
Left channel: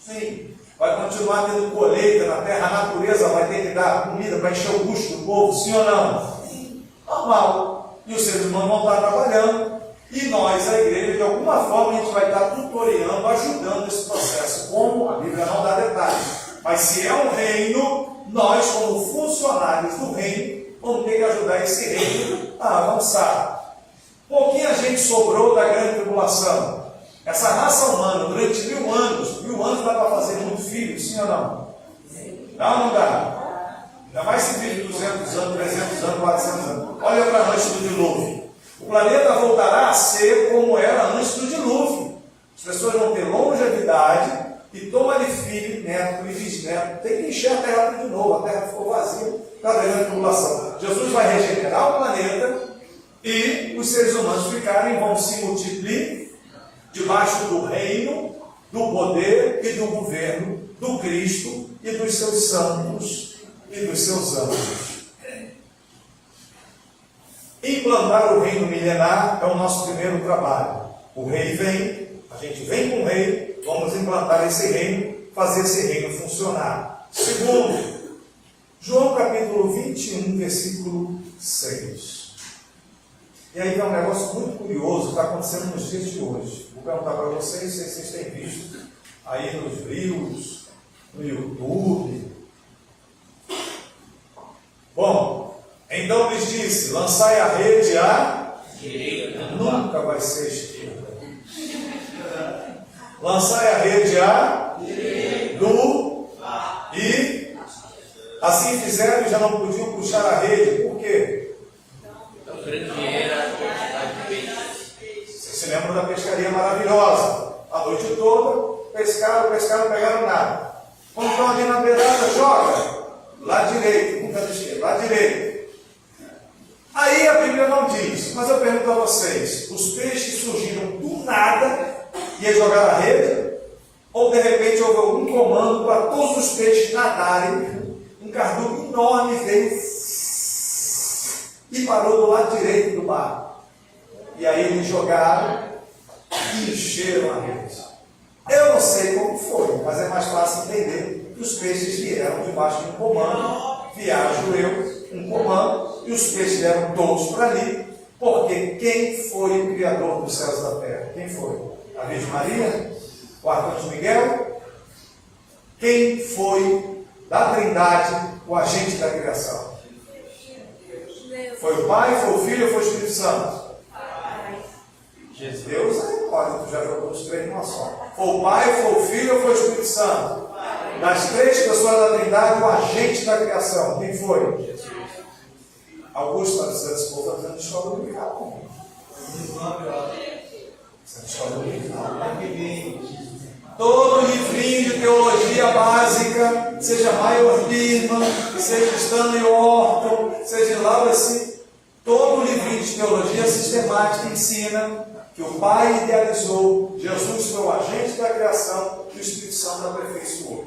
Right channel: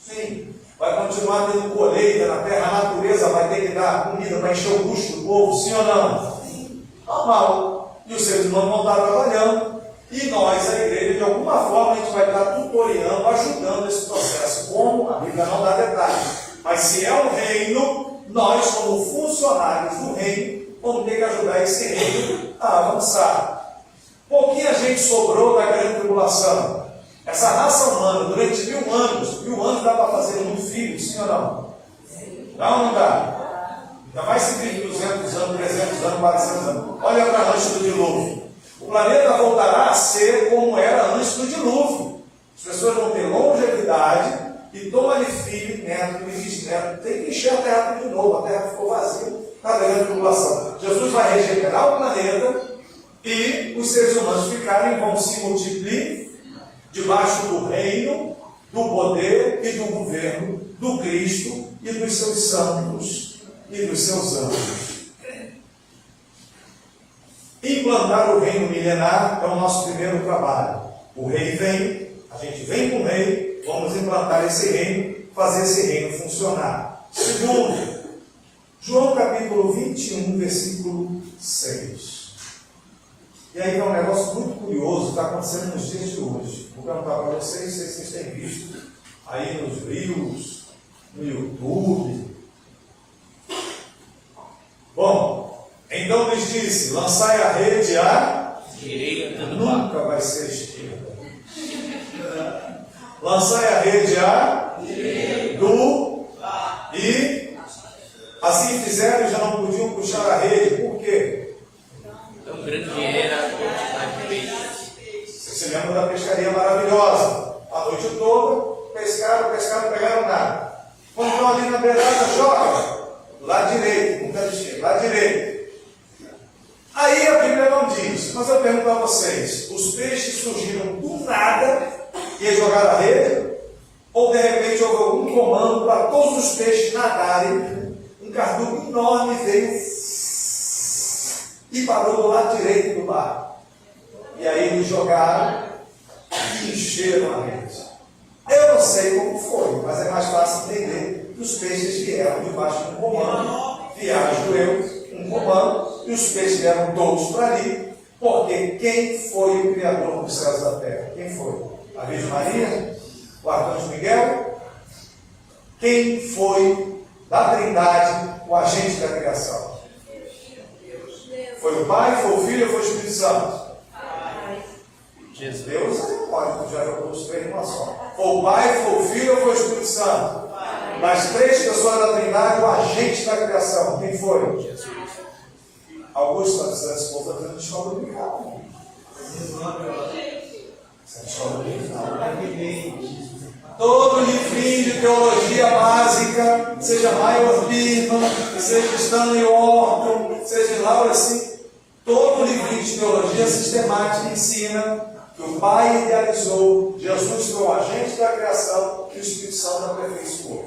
Sim. Vai continuar tendo colheita na terra, a natureza vai ter que dar comida para encher o bucho do povo, sim ou não? Sim. Normal. E os seres humanos vão estar trabalhando. E nós, a igreja, de alguma forma, a gente vai estar tutoriando, ajudando esse processo. Como? A Bíblia não dá detalhes. Mas se é um reino, nós, como funcionários do reino, vamos ter que ajudar esse reino a avançar. Pouquinha gente sobrou da grande tribulação. Essa raça humana, durante 1000 anos, 1000 anos dá para fazer muito filho, sim ou não? Sim. Dá ou não dá? Ainda mais se vive 200 anos, 300 anos, 400 anos. Olha para antes do dilúvio. O planeta voltará a ser como era antes do dilúvio. As pessoas vão ter longevidade e toma de filho, neto e bisneto. Tem que encher a terra de novo. A terra ficou vazia na grande tribulação. Jesus vai regenerar o planeta e os seres humanos vão se multiplicar debaixo do reino, do poder e do governo do Cristo e dos seus santos e dos seus anjos. Implantar o reino milenar é o nosso primeiro trabalho. O rei vem, a gente vem com o rei, vamos implantar esse reino, fazer esse reino funcionar. Segundo, João capítulo 21, versículo 6. E aí é um negócio muito curioso que está acontecendo nos dias de hoje. Vou perguntar para vocês se vocês têm visto aí nos Reels, no YouTube. Bom, então lhes disse: lançai a rede à direita do nunca vai ser esquerda. Lançai a rede à do e assim fizeram e já não podiam puxar a rede. Por quê? Tão grande era a quantidade de peixes. Você se lembra da pescaria maravilhosa? A noite toda, pescaram, não pegaram nada. Quando estão ali na beirada, joga. Lá direito, nunca esquerda, lá direito. Aí a Bíblia não diz, mas eu pergunto a vocês: os peixes surgiram do nada e jogaram a rede? Ou de repente houve algum comando para todos os peixes nadarem? Um cardume enorme veio e parou do lado direito do barco. E aí eles jogaram e encheram a rede. Eu não sei como foi, mas é mais fácil entender que os peixes vieram debaixo de um comando, vieram os judeus, um comando, e os peixes vieram todos para ali, porque quem foi o Criador dos céus e da terra? Quem foi? A Virgem Maria? O Arcanjo Miguel? Quem foi da Trindade o agente da criação? Foi o Pai, foi o Filho ou foi o Espírito Santo? Deus pode, já jogou os três numa só. Foi o Pai, foi o Filho ou foi o Espírito Santo? Das três pessoas da Trindade, o agente da criação, quem foi? Jesus. Augusto está dizendo, esse povo está dizendo escola dominical. Escola dominical. Todo livrinho de teologia básica, seja Maior Birman, seja Stanley Orton, seja Laura assim, todo livrinho de teologia sistemática ensina que o Pai idealizou, Jesus foi o agente da criação e o Espírito Santo aperfeiçoou.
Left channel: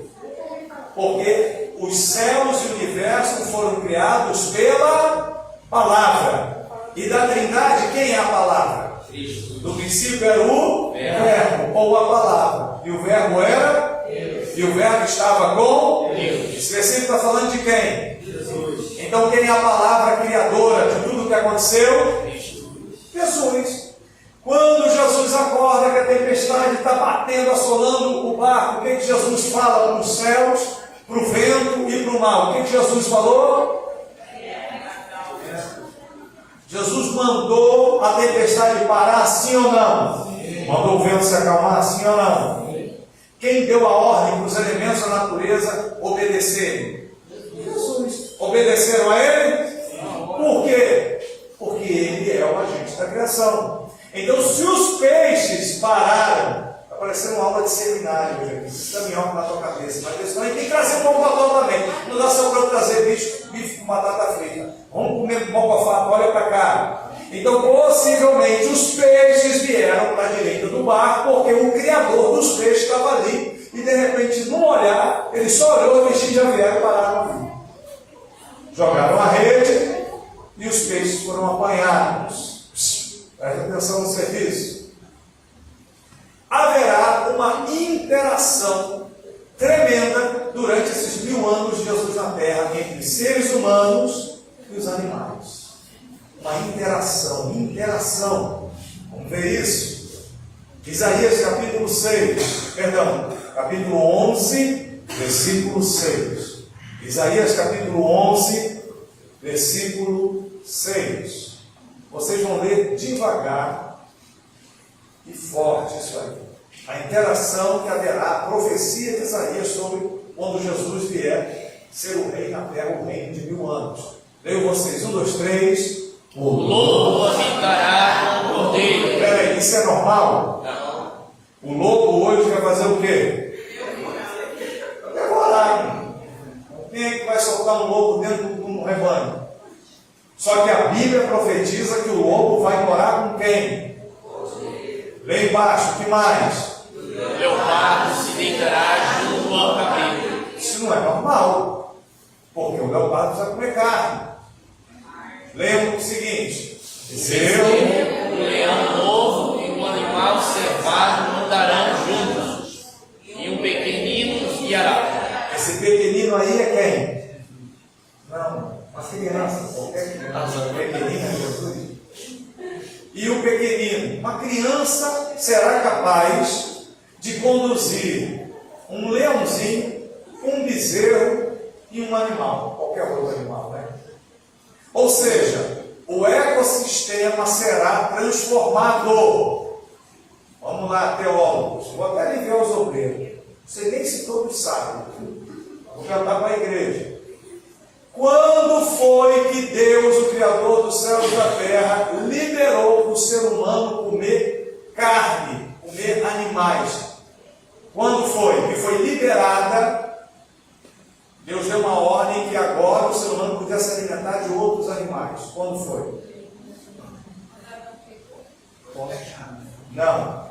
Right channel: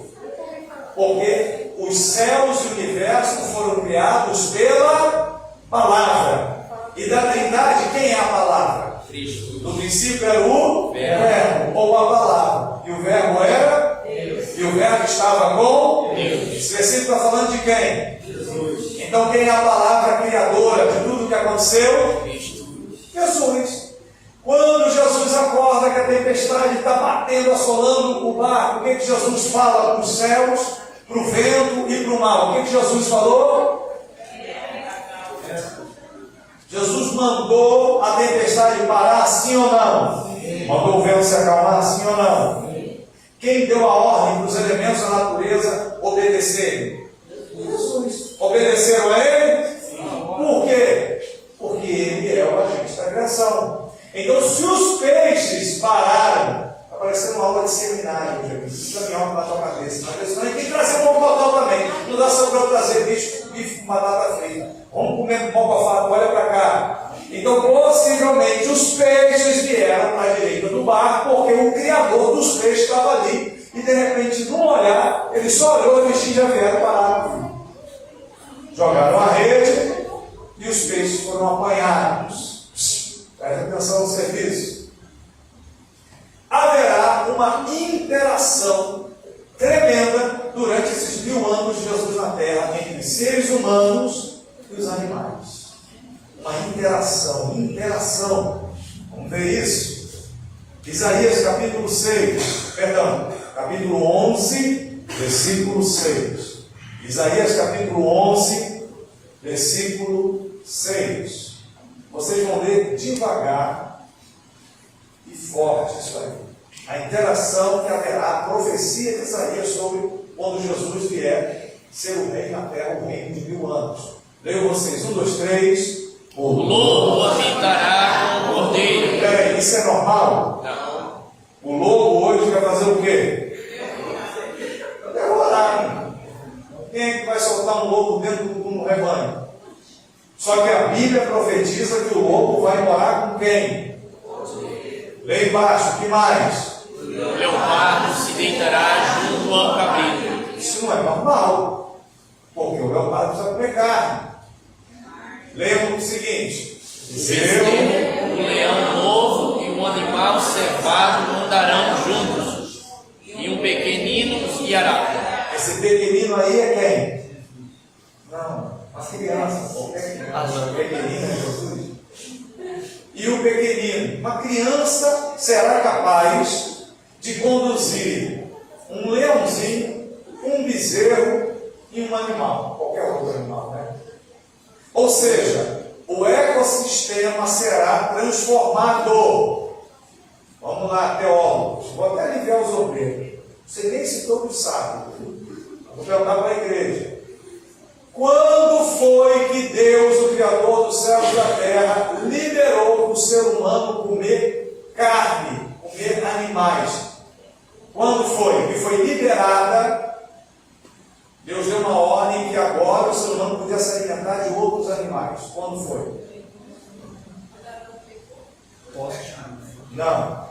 Porque os céus e o universo foram criados pela palavra. E da Trindade, quem é a palavra? Cristo. No princípio era o Verbo, ou a palavra. E o Verbo era? Deus. E o Verbo estava com? Deus. Esse versículo está falando de quem? Jesus. Então quem é a palavra criadora de tudo que aconteceu? Cristo. Jesus. Quando Jesus acorda que a tempestade está batendo, assolando o barco, o que Jesus fala para os céus, para o vento e para o mar? O que Jesus falou? Jesus mandou a tempestade parar, sim ou não? Mandou o vento se acalmar, sim ou não? Quem deu a ordem para os elementos da natureza obedecerem? Jesus. Obedeceram a Ele? Por quê? Porque Ele é o agente da criação. Então, se os peixes pararam, está parecendo uma aula de seminário, gente. Isso é minhoca na tua cabeça. Mas isso não tem que trazer mocotó também. Não dá só para eu trazer bife com batata frita. Vamos comer mocofá, olha para cá. Então, possivelmente, os peixes vieram para a direita do barco, porque o Criador dos peixes estava ali. E, de repente, num olhar, ele só olhou e os peixes já vieram parar no fim. Jogaram a rede e os peixes foram apanhados. Presta atenção no serviço. Haverá uma interação tremenda durante esses 1000 anos de Jesus na Terra entre seres humanos e os animais. Uma interação. Vamos ver isso. Isaías capítulo 11, versículo 6. Isaías capítulo 11, versículo 6. Vocês vão ler devagar e forte isso aí. A interação que haverá, a profecia de Isaías sobre quando Jesus vier ser o rei na terra, o reino de 1000 anos. Leio vocês, 1, 2, 3. O lobo habitará com o cordeiro. Espera aí, isso é normal? Não. O lobo hoje vai fazer o quê? Devorar. Quem é que vai soltar um lobo dentro de um rebanho? Só que a Bíblia profetiza que o lobo vai morar com quem? Lê embaixo, o que mais? O leopardo se deitará junto ao cabrito. Isso não é normal, porque o leopardo precisa comer carne. Leia o seguinte: um leão novo e um um animal cevado não darão juntos, e um pequenino os guiará. Esse pequenino aí é quem? Não, as crianças. Qualquer criança. Pequenino é Jesus. E o pequenino, uma criança será capaz de conduzir um leãozinho, um bezerro e um animal, qualquer outro animal, né? Ou seja, o ecossistema será transformado. Vamos lá, teólogos. Vou até aliviar os obreiros. Você nem se todos sabem. Vou perguntar para a igreja. Quando foi que Deus, o Criador dos céus e da terra, liberou o ser humano comer carne, comer animais? Quando foi? Que foi liberada. Deus deu uma ordem que agora o ser humano podia se alimentar de outros animais. Quando foi? Não.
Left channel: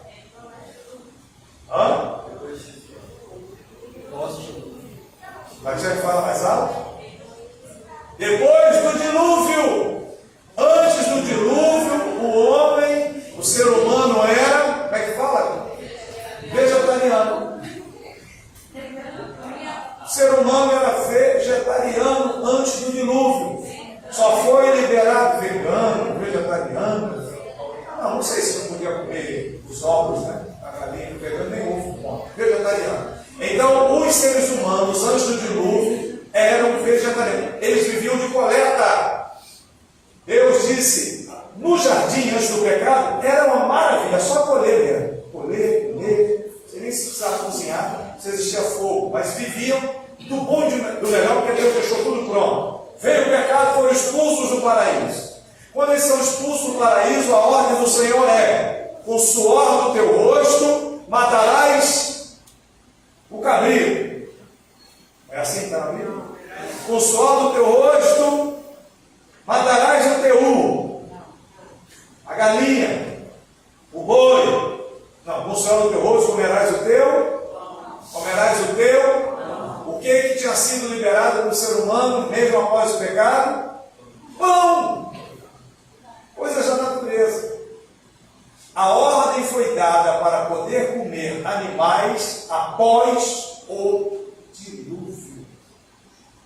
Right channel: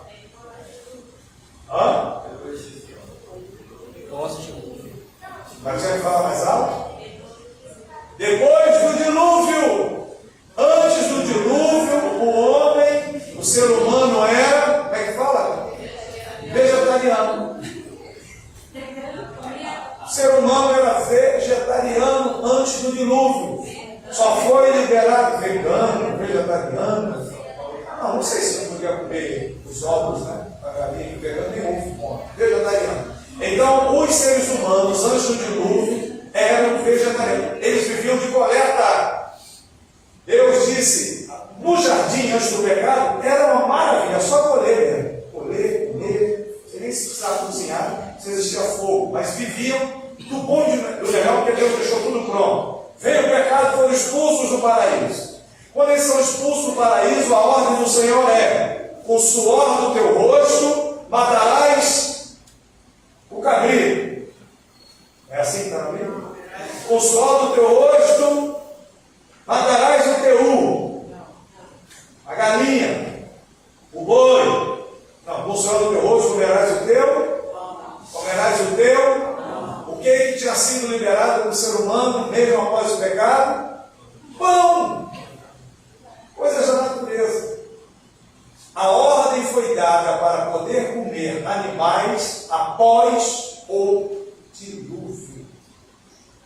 Hã? Mas já fala mais alto? Depois do dilúvio. Antes do dilúvio, o homem, o ser humano era, como é que fala? Vegetariano. O ser humano era vegetariano antes do dilúvio. Só foi liberado vegano, vegetariano. Não sei se não podia comer os ovos, né? A galinha, vegano nem ovo, vegetariano. Então, os seres humanos antes do dilúvio eram vegetarianos. Eles viviam de coleta. Deus disse, no jardim antes do pecado, era uma maravilha, só colher mesmo. Colher, comer. Você nem se precisava cozinhar, se existia fogo, mas viviam do bom e do legal, porque Deus deixou tudo pronto. Veio o pecado e foram expulsos do paraíso. Quando eles são expulsos do paraíso, a ordem do Senhor é: com o suor do teu rosto matarás o cabrito. É assim que está na Bíblia? Com o suor do teu rosto matarás o teu, a galinha, o boi. Não, com o suor do teu rosto comerás o teu. O que tinha sido liberado do ser humano, mesmo após o pecado? Pão! Coisas da natureza. A ordem foi dada para poder comer animais após o dilúvio.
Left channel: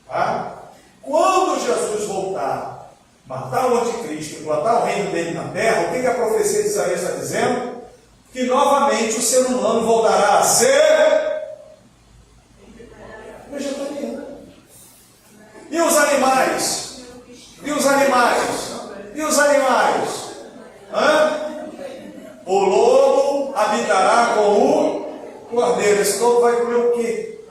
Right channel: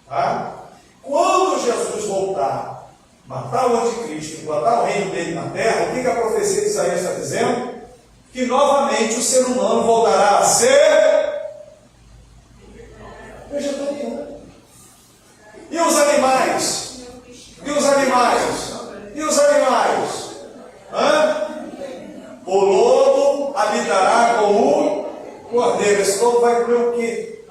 Tá? Quando Jesus voltar, matar o anticristo, implantar o reino dele na terra, o que a profecia de Isaías está dizendo? Que novamente o ser humano voltará a ser vegetariano. E os animais? O lobo habitará com o cordeiro. Esse lobo vai comer o quê?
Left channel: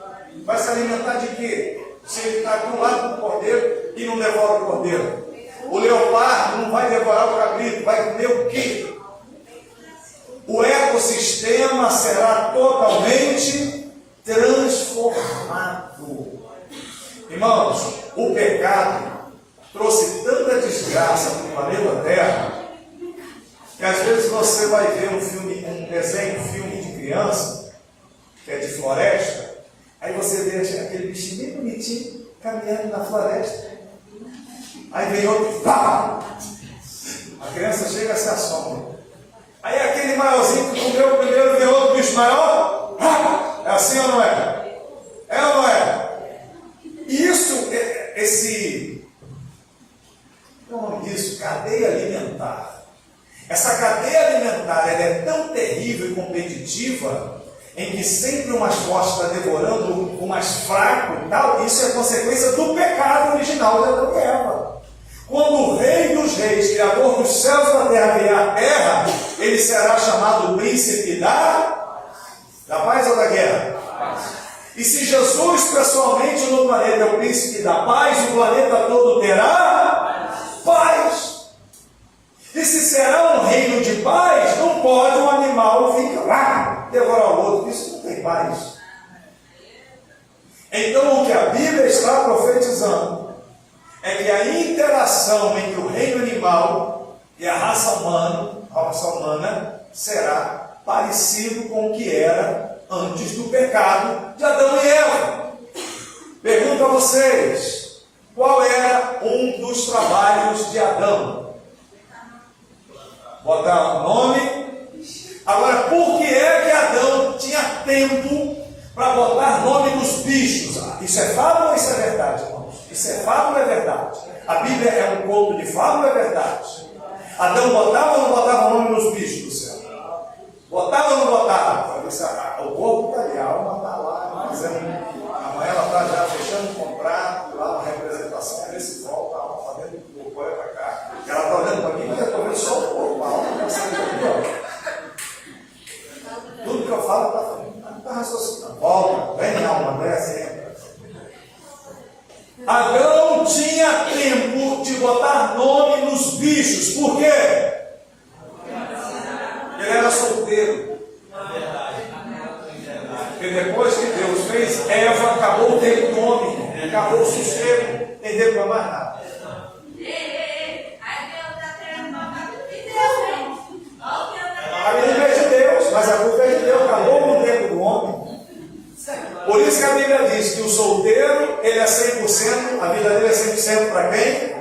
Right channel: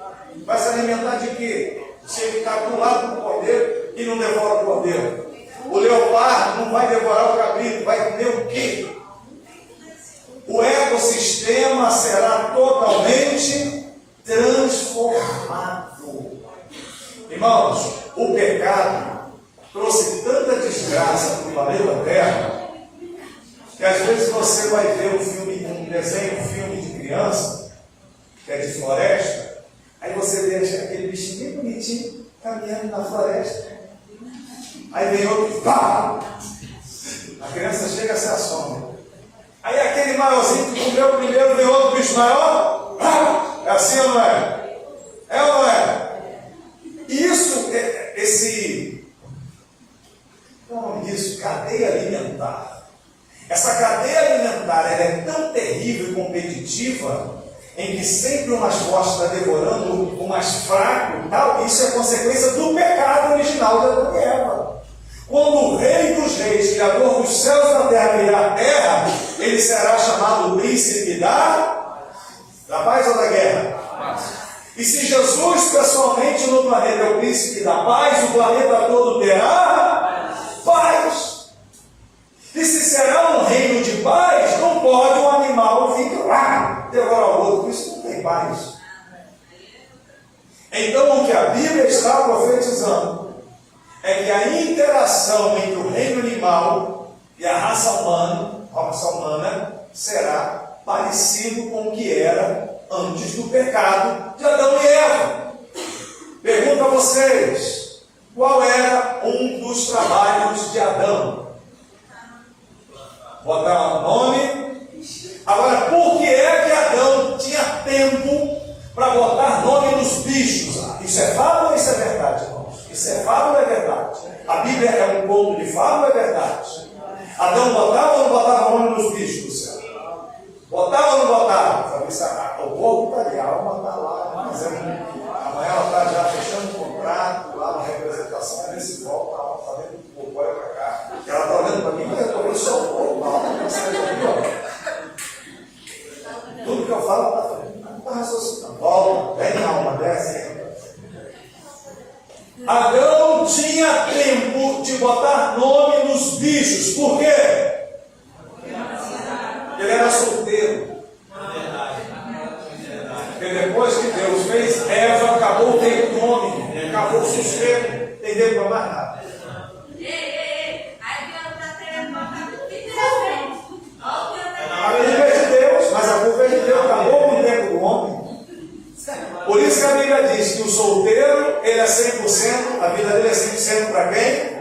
Vai se alimentar de quê? Se ele está do lado do cordeiro e não devora o cordeiro. O leopardo não vai devorar o cabrito, vai comer o quê? O ecossistema será totalmente transformado. Irmãos, o pecado trouxe tanta desgraça para o planeta Terra, que às vezes você vai ver um filme de criança, que é de floresta, aí você vê aquele bichinho bem bonitinho caminhando na floresta. Aí vem outro, pá! A criança chega a se assombra. Aí aquele maiorzinho que comeu primeiro, vem outro bicho maior. É assim ou não é? É ou não é? Isso, cadeia alimentar. Essa cadeia alimentar ela é tão terrível e competitiva, em que sempre o mais forte está devorando o mais fraco e tal. Isso é consequência do pecado original de Adão e Eva. Quando o Rei dos Reis, Criador dos céus e da terra, criar a terra, ele será chamado príncipe da paz ou da guerra? E se Jesus pessoalmente no planeta é o príncipe da paz, o planeta todo terá paz. E se será um reino de paz, não pode um animal vir devorar o outro. Isso não tem paz. Então o que a Bíblia está profetizando é que a interação entre o reino animal e a raça humana será parecido com o que era antes do pecado de Adão e Eva. Pergunto a vocês, qual era um dos trabalhos de Adão? Botar um nome Agora, por que é que Adão tinha tempo para botar nome nos bichos? Isso é fábula ou isso é verdade, irmãos? Isso é fábula ou é verdade? A Bíblia é um conto de fábula ou é verdade? Adão botava ou não botava nome nos bichos do céu? Botava ou não botava? O corpo está ali, a alma está lá, fazendo. Amanhã ela está já fechando um contrato, lá uma representação principal, está lá fazendo o corpo para cá. E ela está olhando para mim, mas eu estou vendo só o corpo, a alma está saindo aqui, ó. Tudo que eu falo está fazendo. Não está raciocinando. Volta, vem a alma, desce, entra. Adão tinha tempo de botar nome nos bichos. Por quê? Ele era solteiro. E depois que Deus fez Eva, acabou o tempo do homem, acabou o sossego, entendeu? Não mais nada. A Bíblia é de Deus, mas a culpa é de Deus, acabou o tempo do homem. Por isso que a Bíblia diz que o solteiro, ele é 100%, a vida dele é 100% para quem?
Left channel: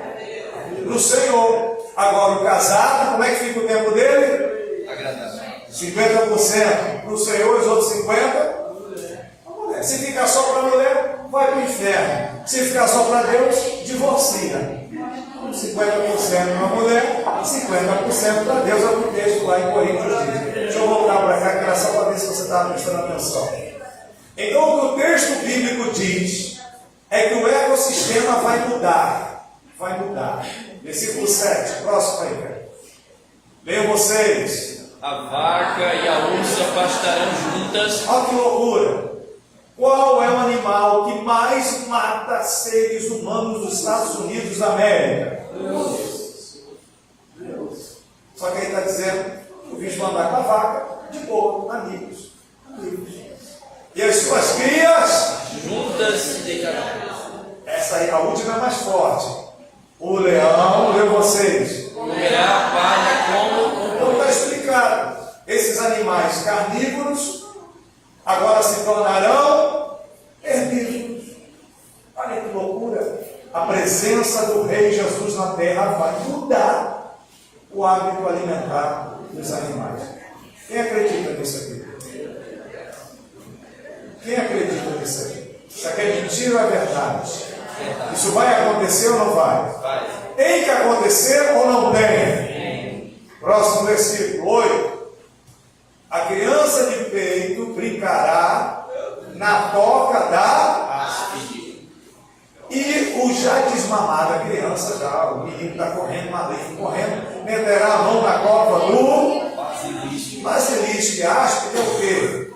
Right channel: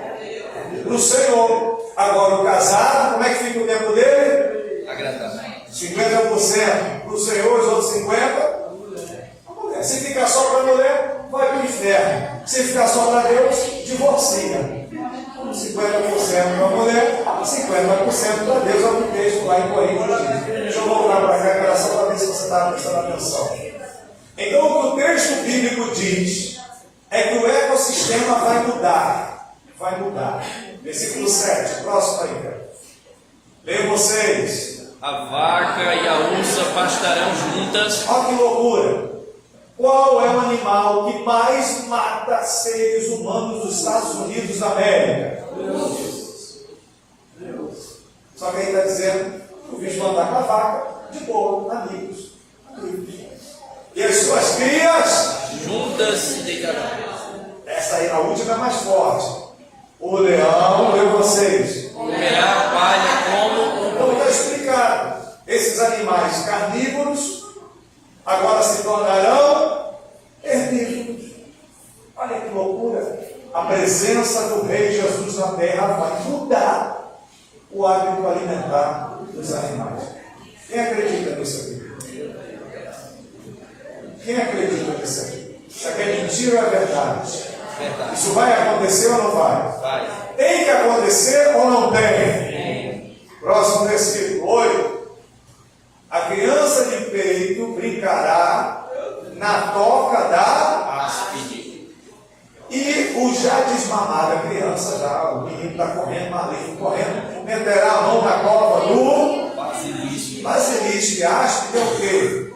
No Senhor. Agora o casado, como é que fica o tempo dele? 50% para o Senhor, os outros 50%. Se ficar só para a mulher, vai para o inferno. Se ficar só para Deus, divorcia. 50% para a mulher, 50% para Deus, é o que o texto lá em Coríntios diz. Deixa eu voltar para cá, que era só para ver se você estava prestando atenção. Então, o que o texto bíblico diz é que o ecossistema vai mudar. Vai mudar. Versículo 7, próximo aí, velho. Leiam vocês. A vaca e a ursa pastarão juntas. Olha que loucura! Qual é o animal que mais mata seres humanos dos Estados Unidos da América? Deus. Só que aí está dizendo que o bicho vai andar com a vaca de boa, amigos. E as suas crias Juntas se deitarão. Essa aí, a última é mais forte. O leão, leu vocês. O leão palha como Então está explicado. Esses animais carnívoros agora se tornarão herbívoros. Olha que loucura. A presença do Rei Jesus na terra vai mudar o hábito alimentar dos animais. Quem acredita nisso aqui? Quem acredita nisso aqui? Isso aqui é mentira ou é verdade? Isso vai acontecer ou não vai? Tem que acontecer ou não tem? Próximo versículo 8. A criança de peito brincará na toca da haste. E o já desmamado, a criança já, o menino está correndo, maligno correndo, meterá a mão na cova do basilisco. Haste é o quê?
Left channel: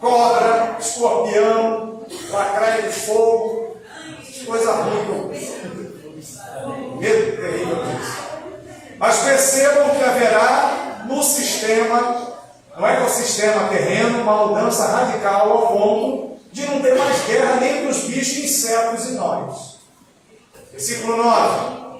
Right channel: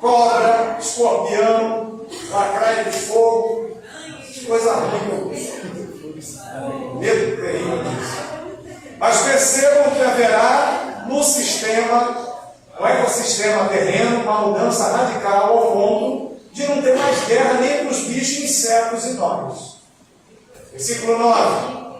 Cobra, escorpião, lacraia de fogo, coisa ruim. Medo terrível disso. Mas percebam que haverá no sistema, no ecossistema terreno, uma mudança radical ao ponto de não ter mais guerra nem entre os bichos, insetos e nós. Versículo 9.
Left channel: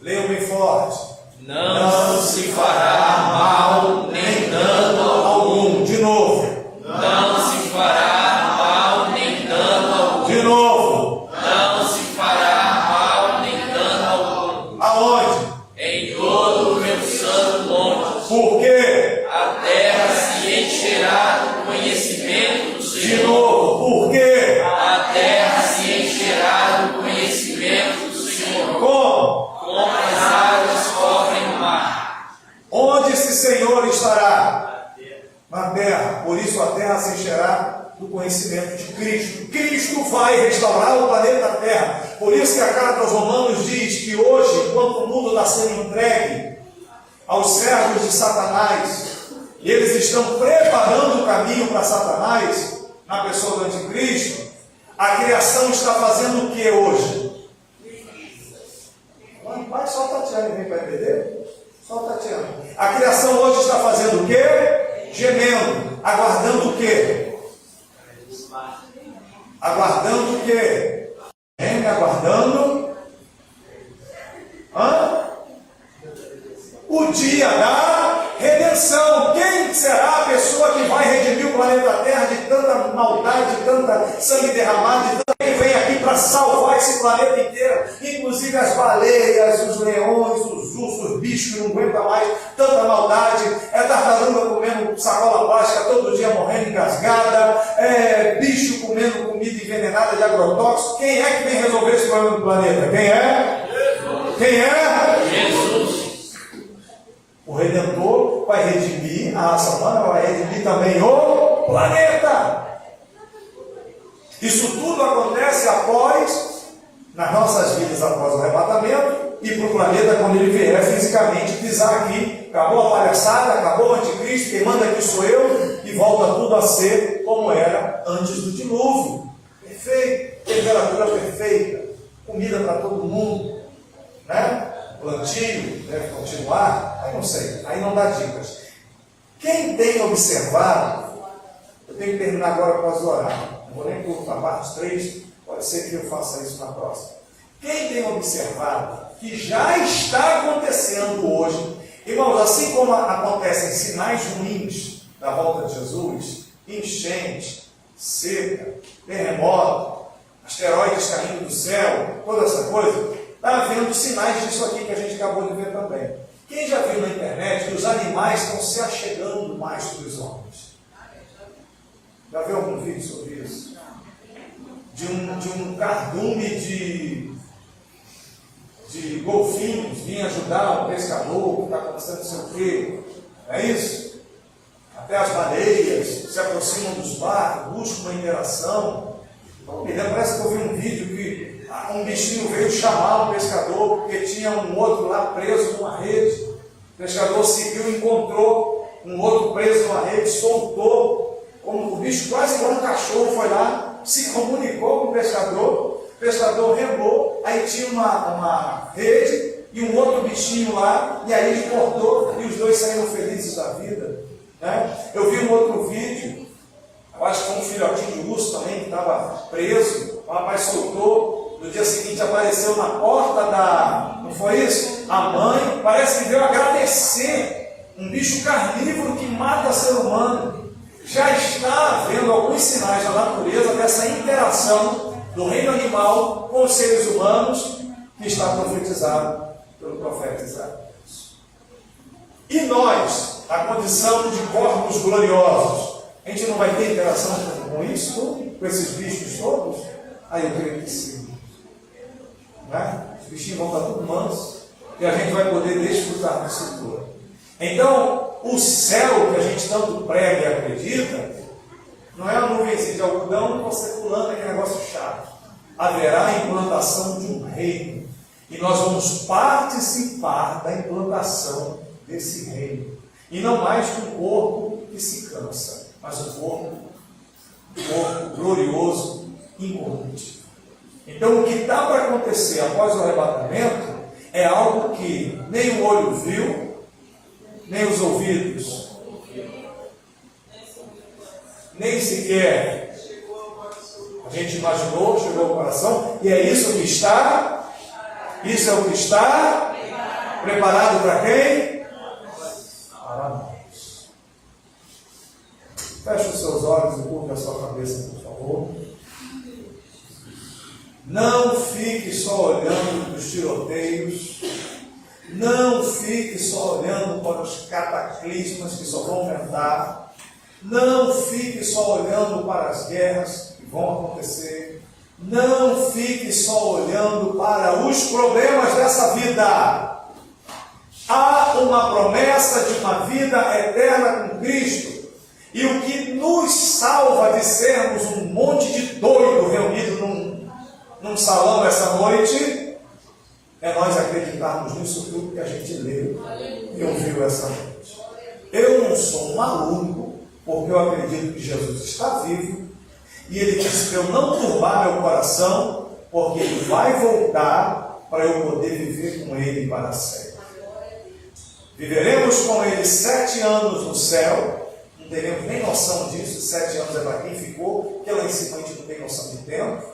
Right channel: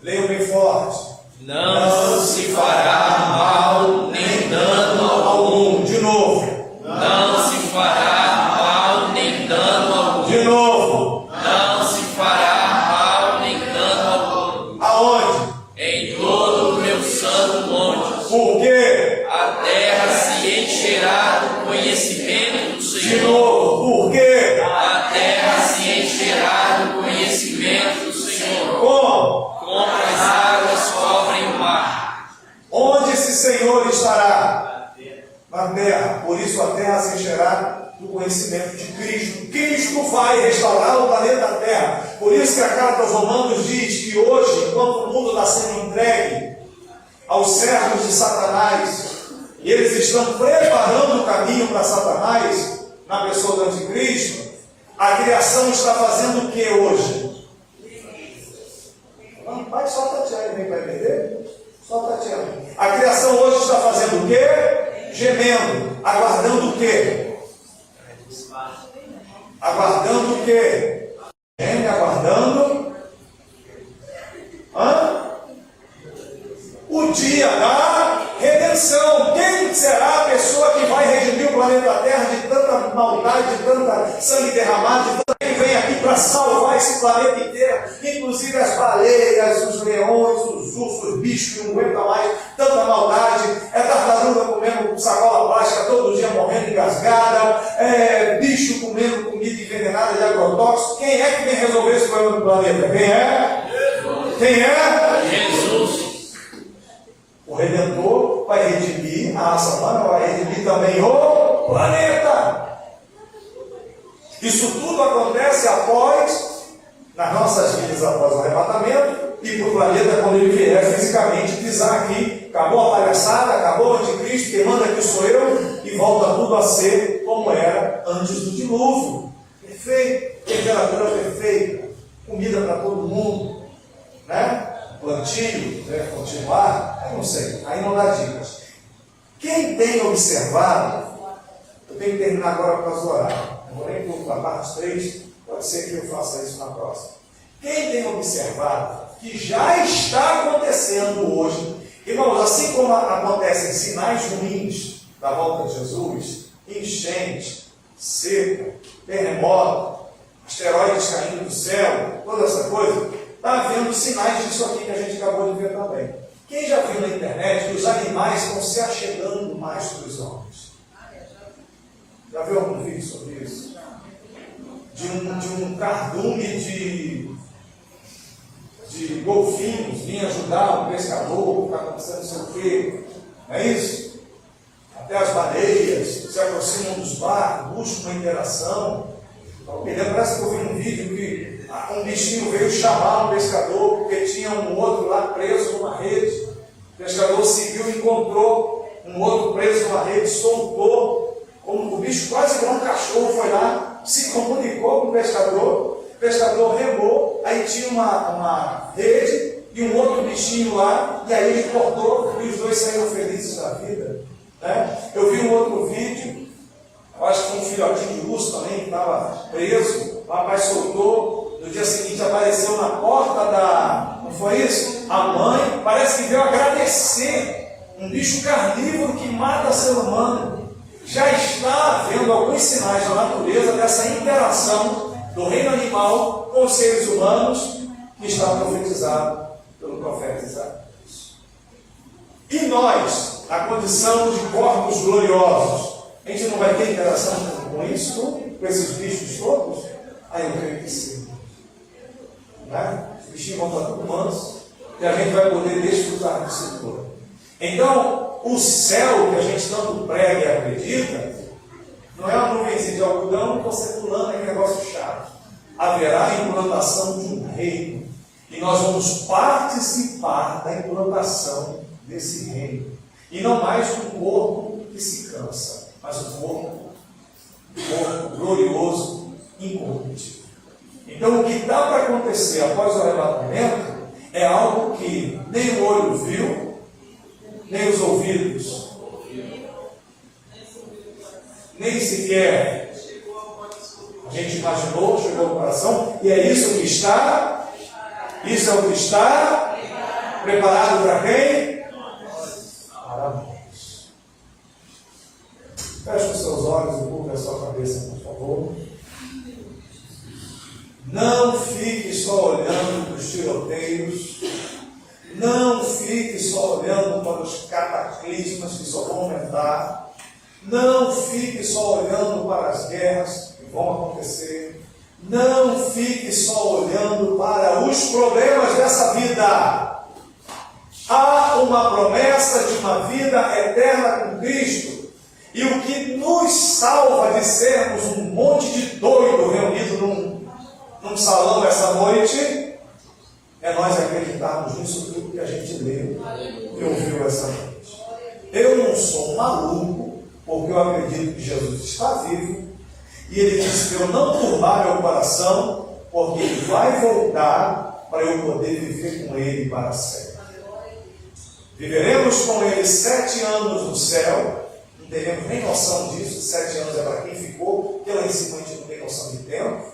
Leiam bem forte. Não se fará mal nem dano algum. De novo. Não se fará mal nem dano algum. De novo. Não se fará mal nem dano algum. Aonde? Em todo o meu santo monte. Por quê? A terra se encherá do conhecimento do De Senhor. novo. Por quê? A terra se encherá do conhecimento do Senhor. Como? Como as águas cobrem o mar. Onde esse Senhor estará? Na terra. Por isso a terra se encherá do conhecimento de Cristo. Cristo vai restaurar o planeta Terra. Por isso que a carta aos Romanos diz que hoje, enquanto o mundo está sendo entregue aos servos de Satanás, e eles estão preparando o caminho para Satanás, na pessoa do anticristo, a criação está fazendo o que hoje? Vai, só Tatiana, vem para entender? Só Tatiana. A criação hoje está fazendo o quê? Gemendo. Aguardando o quê? Aguardando o quê? Aguardando o dia da redenção. Quem será a pessoa que vai redimir o planeta Terra de tanta maldade, de tanta sangue derramado, de tanta... Quem vem aqui para salvar esse planeta inteiro, inclusive as baleias, os leões, os ursos, os bichos que não aguentam mais tanta maldade, tartaruga comendo sacola plástica todo dia morrendo engasgada, bicho comendo comida envenenada de agrotóxicos. Quem é que vem resolver esse problema do planeta? Quem é? Quem é? Jesus. O Redentor vai redimir a raça humana, vai redimir também o planeta. Isso tudo acontece nas nossas vidas após o arrebatamento, e para o planeta quando ele vier fisicamente pisar aqui. Acabou a palhaçada, acabou o anticristo, quem manda aqui sou eu, e volta tudo a ser como era antes do dilúvio. Perfeito, temperatura perfeita, comida para todo mundo, né? Plantio, deve continuar, aí não sei, aí não dá dicas. Quem tem observado, eu tenho que terminar agora para as horários, não vou nem por parte 3, pode ser que eu faça isso na próxima. Quem tem observado que já está acontecendo hoje, irmãos, assim como acontecem sinais ruins da volta de Jesus, enchente, seca, terremoto, asteroides caindo do céu, toda essa coisa, está havendo sinais disso aqui que a gente acabou de ver também. Quem já viu na internet que os animais estão se achegando mais dos homens? Já viu algum vídeo sobre isso? De um cardume de golfinhos vir ajudar um pescador, ficar acontecendo não sei o quê. É isso? Até as baleias se aproximam dos barcos, buscam uma interação. Então, me lembra, parece que eu vi um vídeo que um bichinho veio chamar um pescador, porque tinha um outro lá preso numa rede. O pescador seguiu e encontrou um outro preso numa rede, soltou, como o bicho quase como um cachorro foi lá, se comunicou com o pescador remou, aí tinha uma rede e um outro bichinho lá, e aí ele cortou e os dois saíram felizes da vida. Né? Eu vi um outro vídeo, eu acho que foi um filhotinho de urso também que estava preso, o rapaz soltou, no dia seguinte apareceu na porta não foi isso? A mãe parece que veio agradecer, um bicho carnívoro que mata ser humano. Já está havendo alguns sinais da natureza dessa interação do reino animal com os seres humanos que está profetizado pelo profeta Isaías. E nós, na condição de corpos gloriosos, a gente não vai ter interação com isso tudo? Com esses bichos todos? Aí eu creio que sim. Né? Os bichinhos vão estar tudo mansos e a gente vai poder desfrutar disso tudo. Então, o céu que a gente tanto prega e acredita, não é uma nuvenzinha de algodão e você pulando aquele negócio chato. Haverá a implantação de um reino. E nós vamos participar da implantação desse reino. E não mais um corpo que se cansa, mas um corpo glorioso, incorruptível. Então, o que está para acontecer após o arrebatamento é algo que nem o olho viu, nem os ouvidos, nem sequer a gente imaginou, chegou ao coração, e é isso que está, isso é o que está preparado para quem? Para nós. Feche os seus olhos e curva a sua cabeça, por favor. Não fique só olhando para os tiroteios. Não fique só olhando para os cataclismas que só vão aumentar. Não fique só olhando para as guerras que vão acontecer. Não fique só olhando para os problemas dessa vida. Há uma promessa de uma vida eterna com Cristo. E o que nos salva de sermos um monte de doido reunido num salão essa noite é nós acreditarmos nisso tudo que a gente leu e ouviu essa noite. Eu não sou um maluco, porque eu acredito que Jesus está vivo, e Ele disse para eu não turbar meu coração, porque Ele vai voltar para eu poder viver com Ele para sempre. Viveremos com Ele 7 anos no céu, não teremos nem noção disso, 7 anos é para quem ficou, porque lá em cima a gente não tem noção de tempo.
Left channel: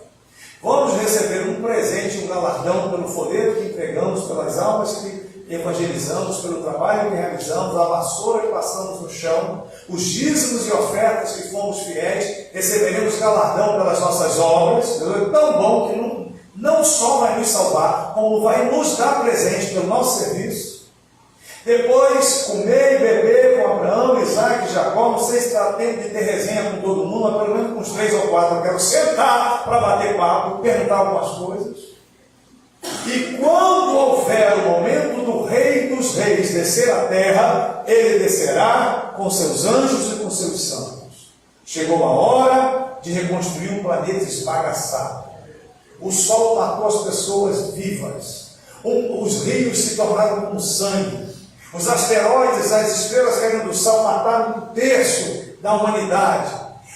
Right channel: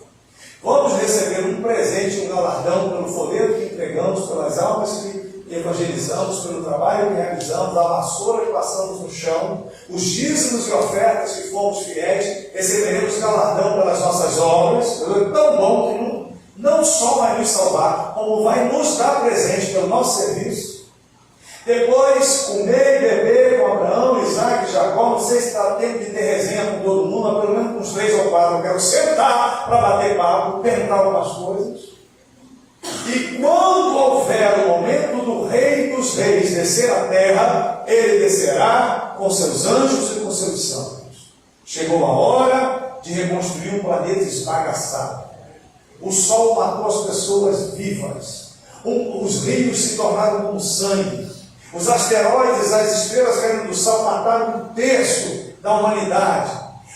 Vamos receber um presente, um galardão pelo folheto que entregamos, pelas almas que evangelizamos, pelo trabalho que realizamos, a vassoura que passamos no chão, os dízimos e ofertas que fomos fiéis, receberemos galardão pelas nossas obras. É tão bom que não só vai nos salvar, como vai nos dar presente pelo nosso serviço. Depois, comer e beber com Abraão, Isaac e Jacó. Não sei se está tempo de ter resenha com todo mundo, mas pelo menos com uns 3 ou 4 eu quero sentar para bater papo, perguntar algumas coisas. E quando houver o momento do Rei dos Reis descer à terra, ele descerá com seus anjos e com seus santos. Chegou a hora de reconstruir um planeta esbagaçado. O sol matou as pessoas vivas. Os rios se tornaram como sangue. Os asteroides, as estrelas caindo do céu mataram 1/3 da humanidade.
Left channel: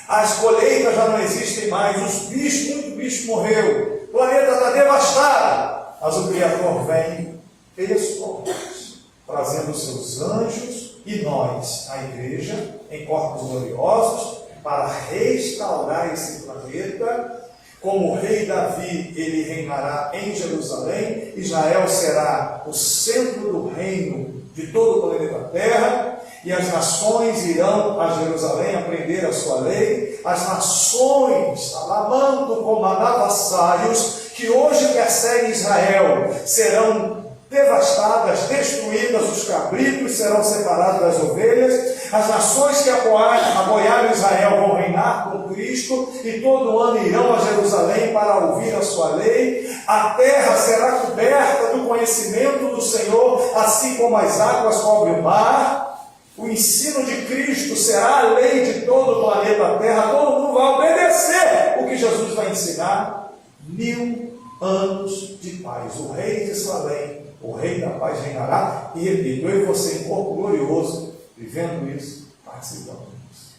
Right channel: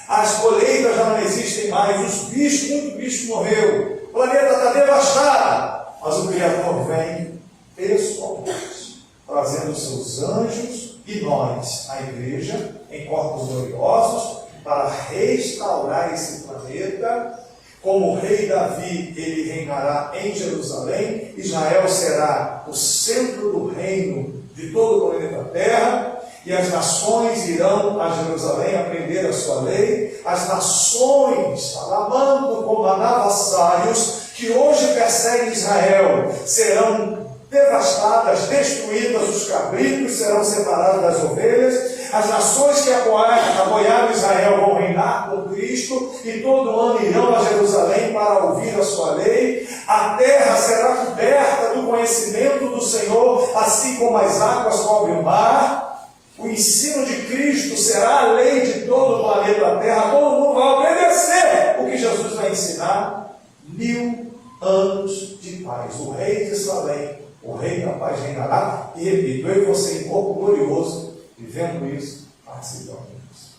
As colheitas já não existem mais. Os bichos, muito bicho morreu. O planeta está devastado. Mas o Criador vem pessoalmente, trazendo os seus anjos e nós, a igreja, em corpos gloriosos, para restaurar esse planeta. Como o rei Davi, ele reinará em Jerusalém. Israel será o centro do reino de todo o planeta Terra, e as nações irão a Jerusalém aprender a sua lei. As nações, alamando como anavassalhos, que hoje perseguem Israel, serão devastadas, destruídas. Os cabritos serão separados das ovelhas. As nações que apoiaram Israel vão reinar com Cristo, e todo ano irão a Jerusalém para ouvir a sua lei. A terra será coberta do conhecimento do Senhor, assim como as águas cobrem o mar. O ensino de Cristo será a lei de todo o planeta Terra. Todo mundo vai obedecer o que Jesus vai ensinar. 1000 anos de paz. O rei de Salém, o rei da paz reinará. E repito, eu e você em corpo glorioso, vivendo isso, participando disso.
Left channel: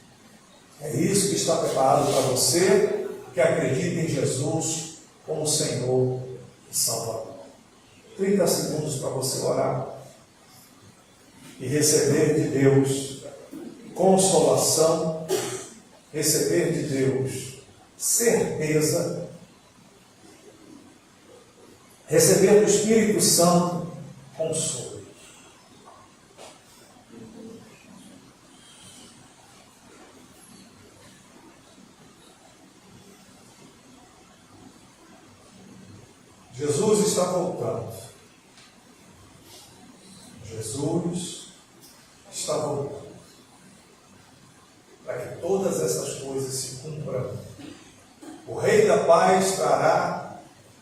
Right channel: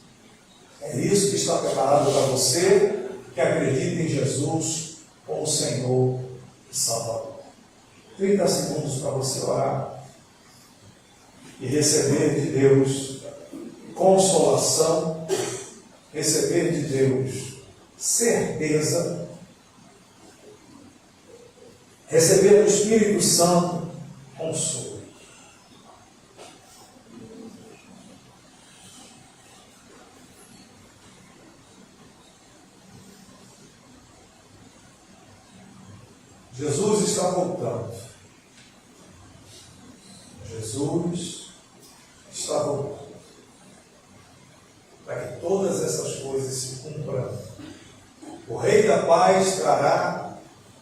É isso que está preparado para você que acredita em Jesus como Senhor e Salvador. 30 segundos para você orar e receber de Deus consolação, receber de Deus certeza, receber do Espírito Santo consolo. Jesus está voltando. Jesus está voltando. Para que todas essas coisas se cumpram. O Rei da Paz trará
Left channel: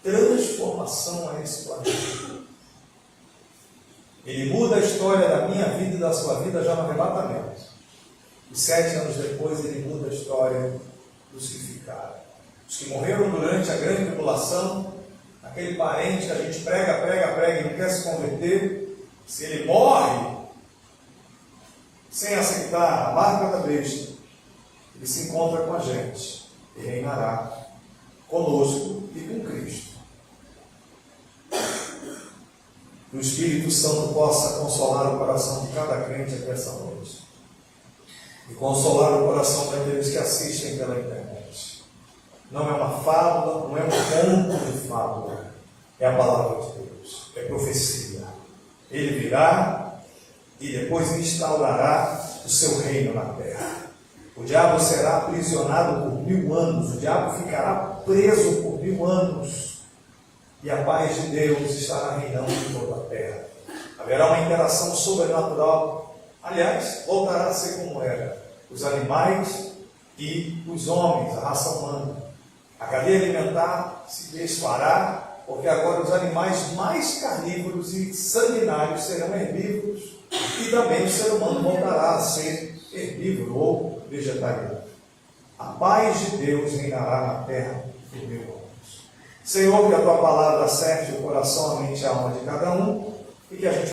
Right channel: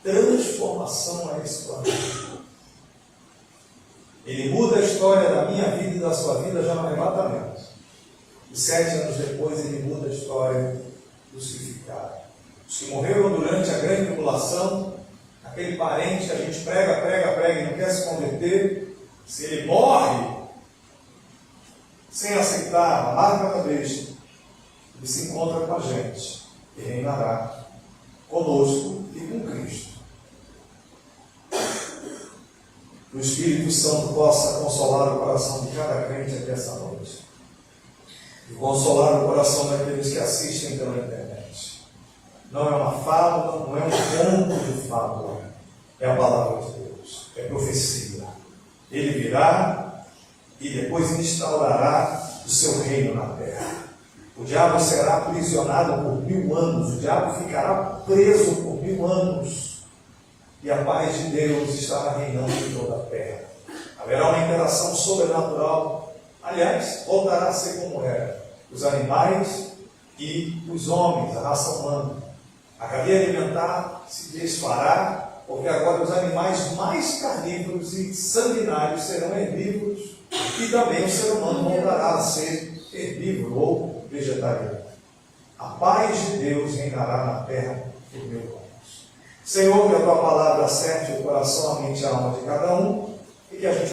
transformação a esse planeta. Ele muda a história da minha vida e da sua vida já no arrebatamento. E 7 anos depois ele muda a história dos que ficaram. Os que morreram durante a grande tribulação, aquele parente que a gente prega e não quer se converter, se ele morre sem aceitar a marca da besta, ele se encontra com a gente e reinará conosco e com Cristo. Que o Espírito Santo possa consolar o coração de cada crente aqui essa noite. E consolar o coração daqueles que assistem pela internet. Não é uma fábula, não é um conto de fábula. É a palavra de Deus. É profecia. Ele virá e depois instaurará o seu reino na terra. O diabo será aprisionado por 1000 anos. O diabo ficará preso por 1000 anos. E a paz de Deus estará reinando em toda a terra. Haverá uma interação sobrenatural. Aliás, voltará a ser como era. Os animais e os homens, a raça humana. A cadeia alimentar se desfará, porque agora os animais mais carnívoros e sanguinários serão herbívoros, e também o ser humano voltará a ser herbívoro ou vegetariano. A paz de Deus reinará na terra por 1000 anos. Senhor, que a tua palavra acerte o coração, a mente e a alma de cada um, e que a gente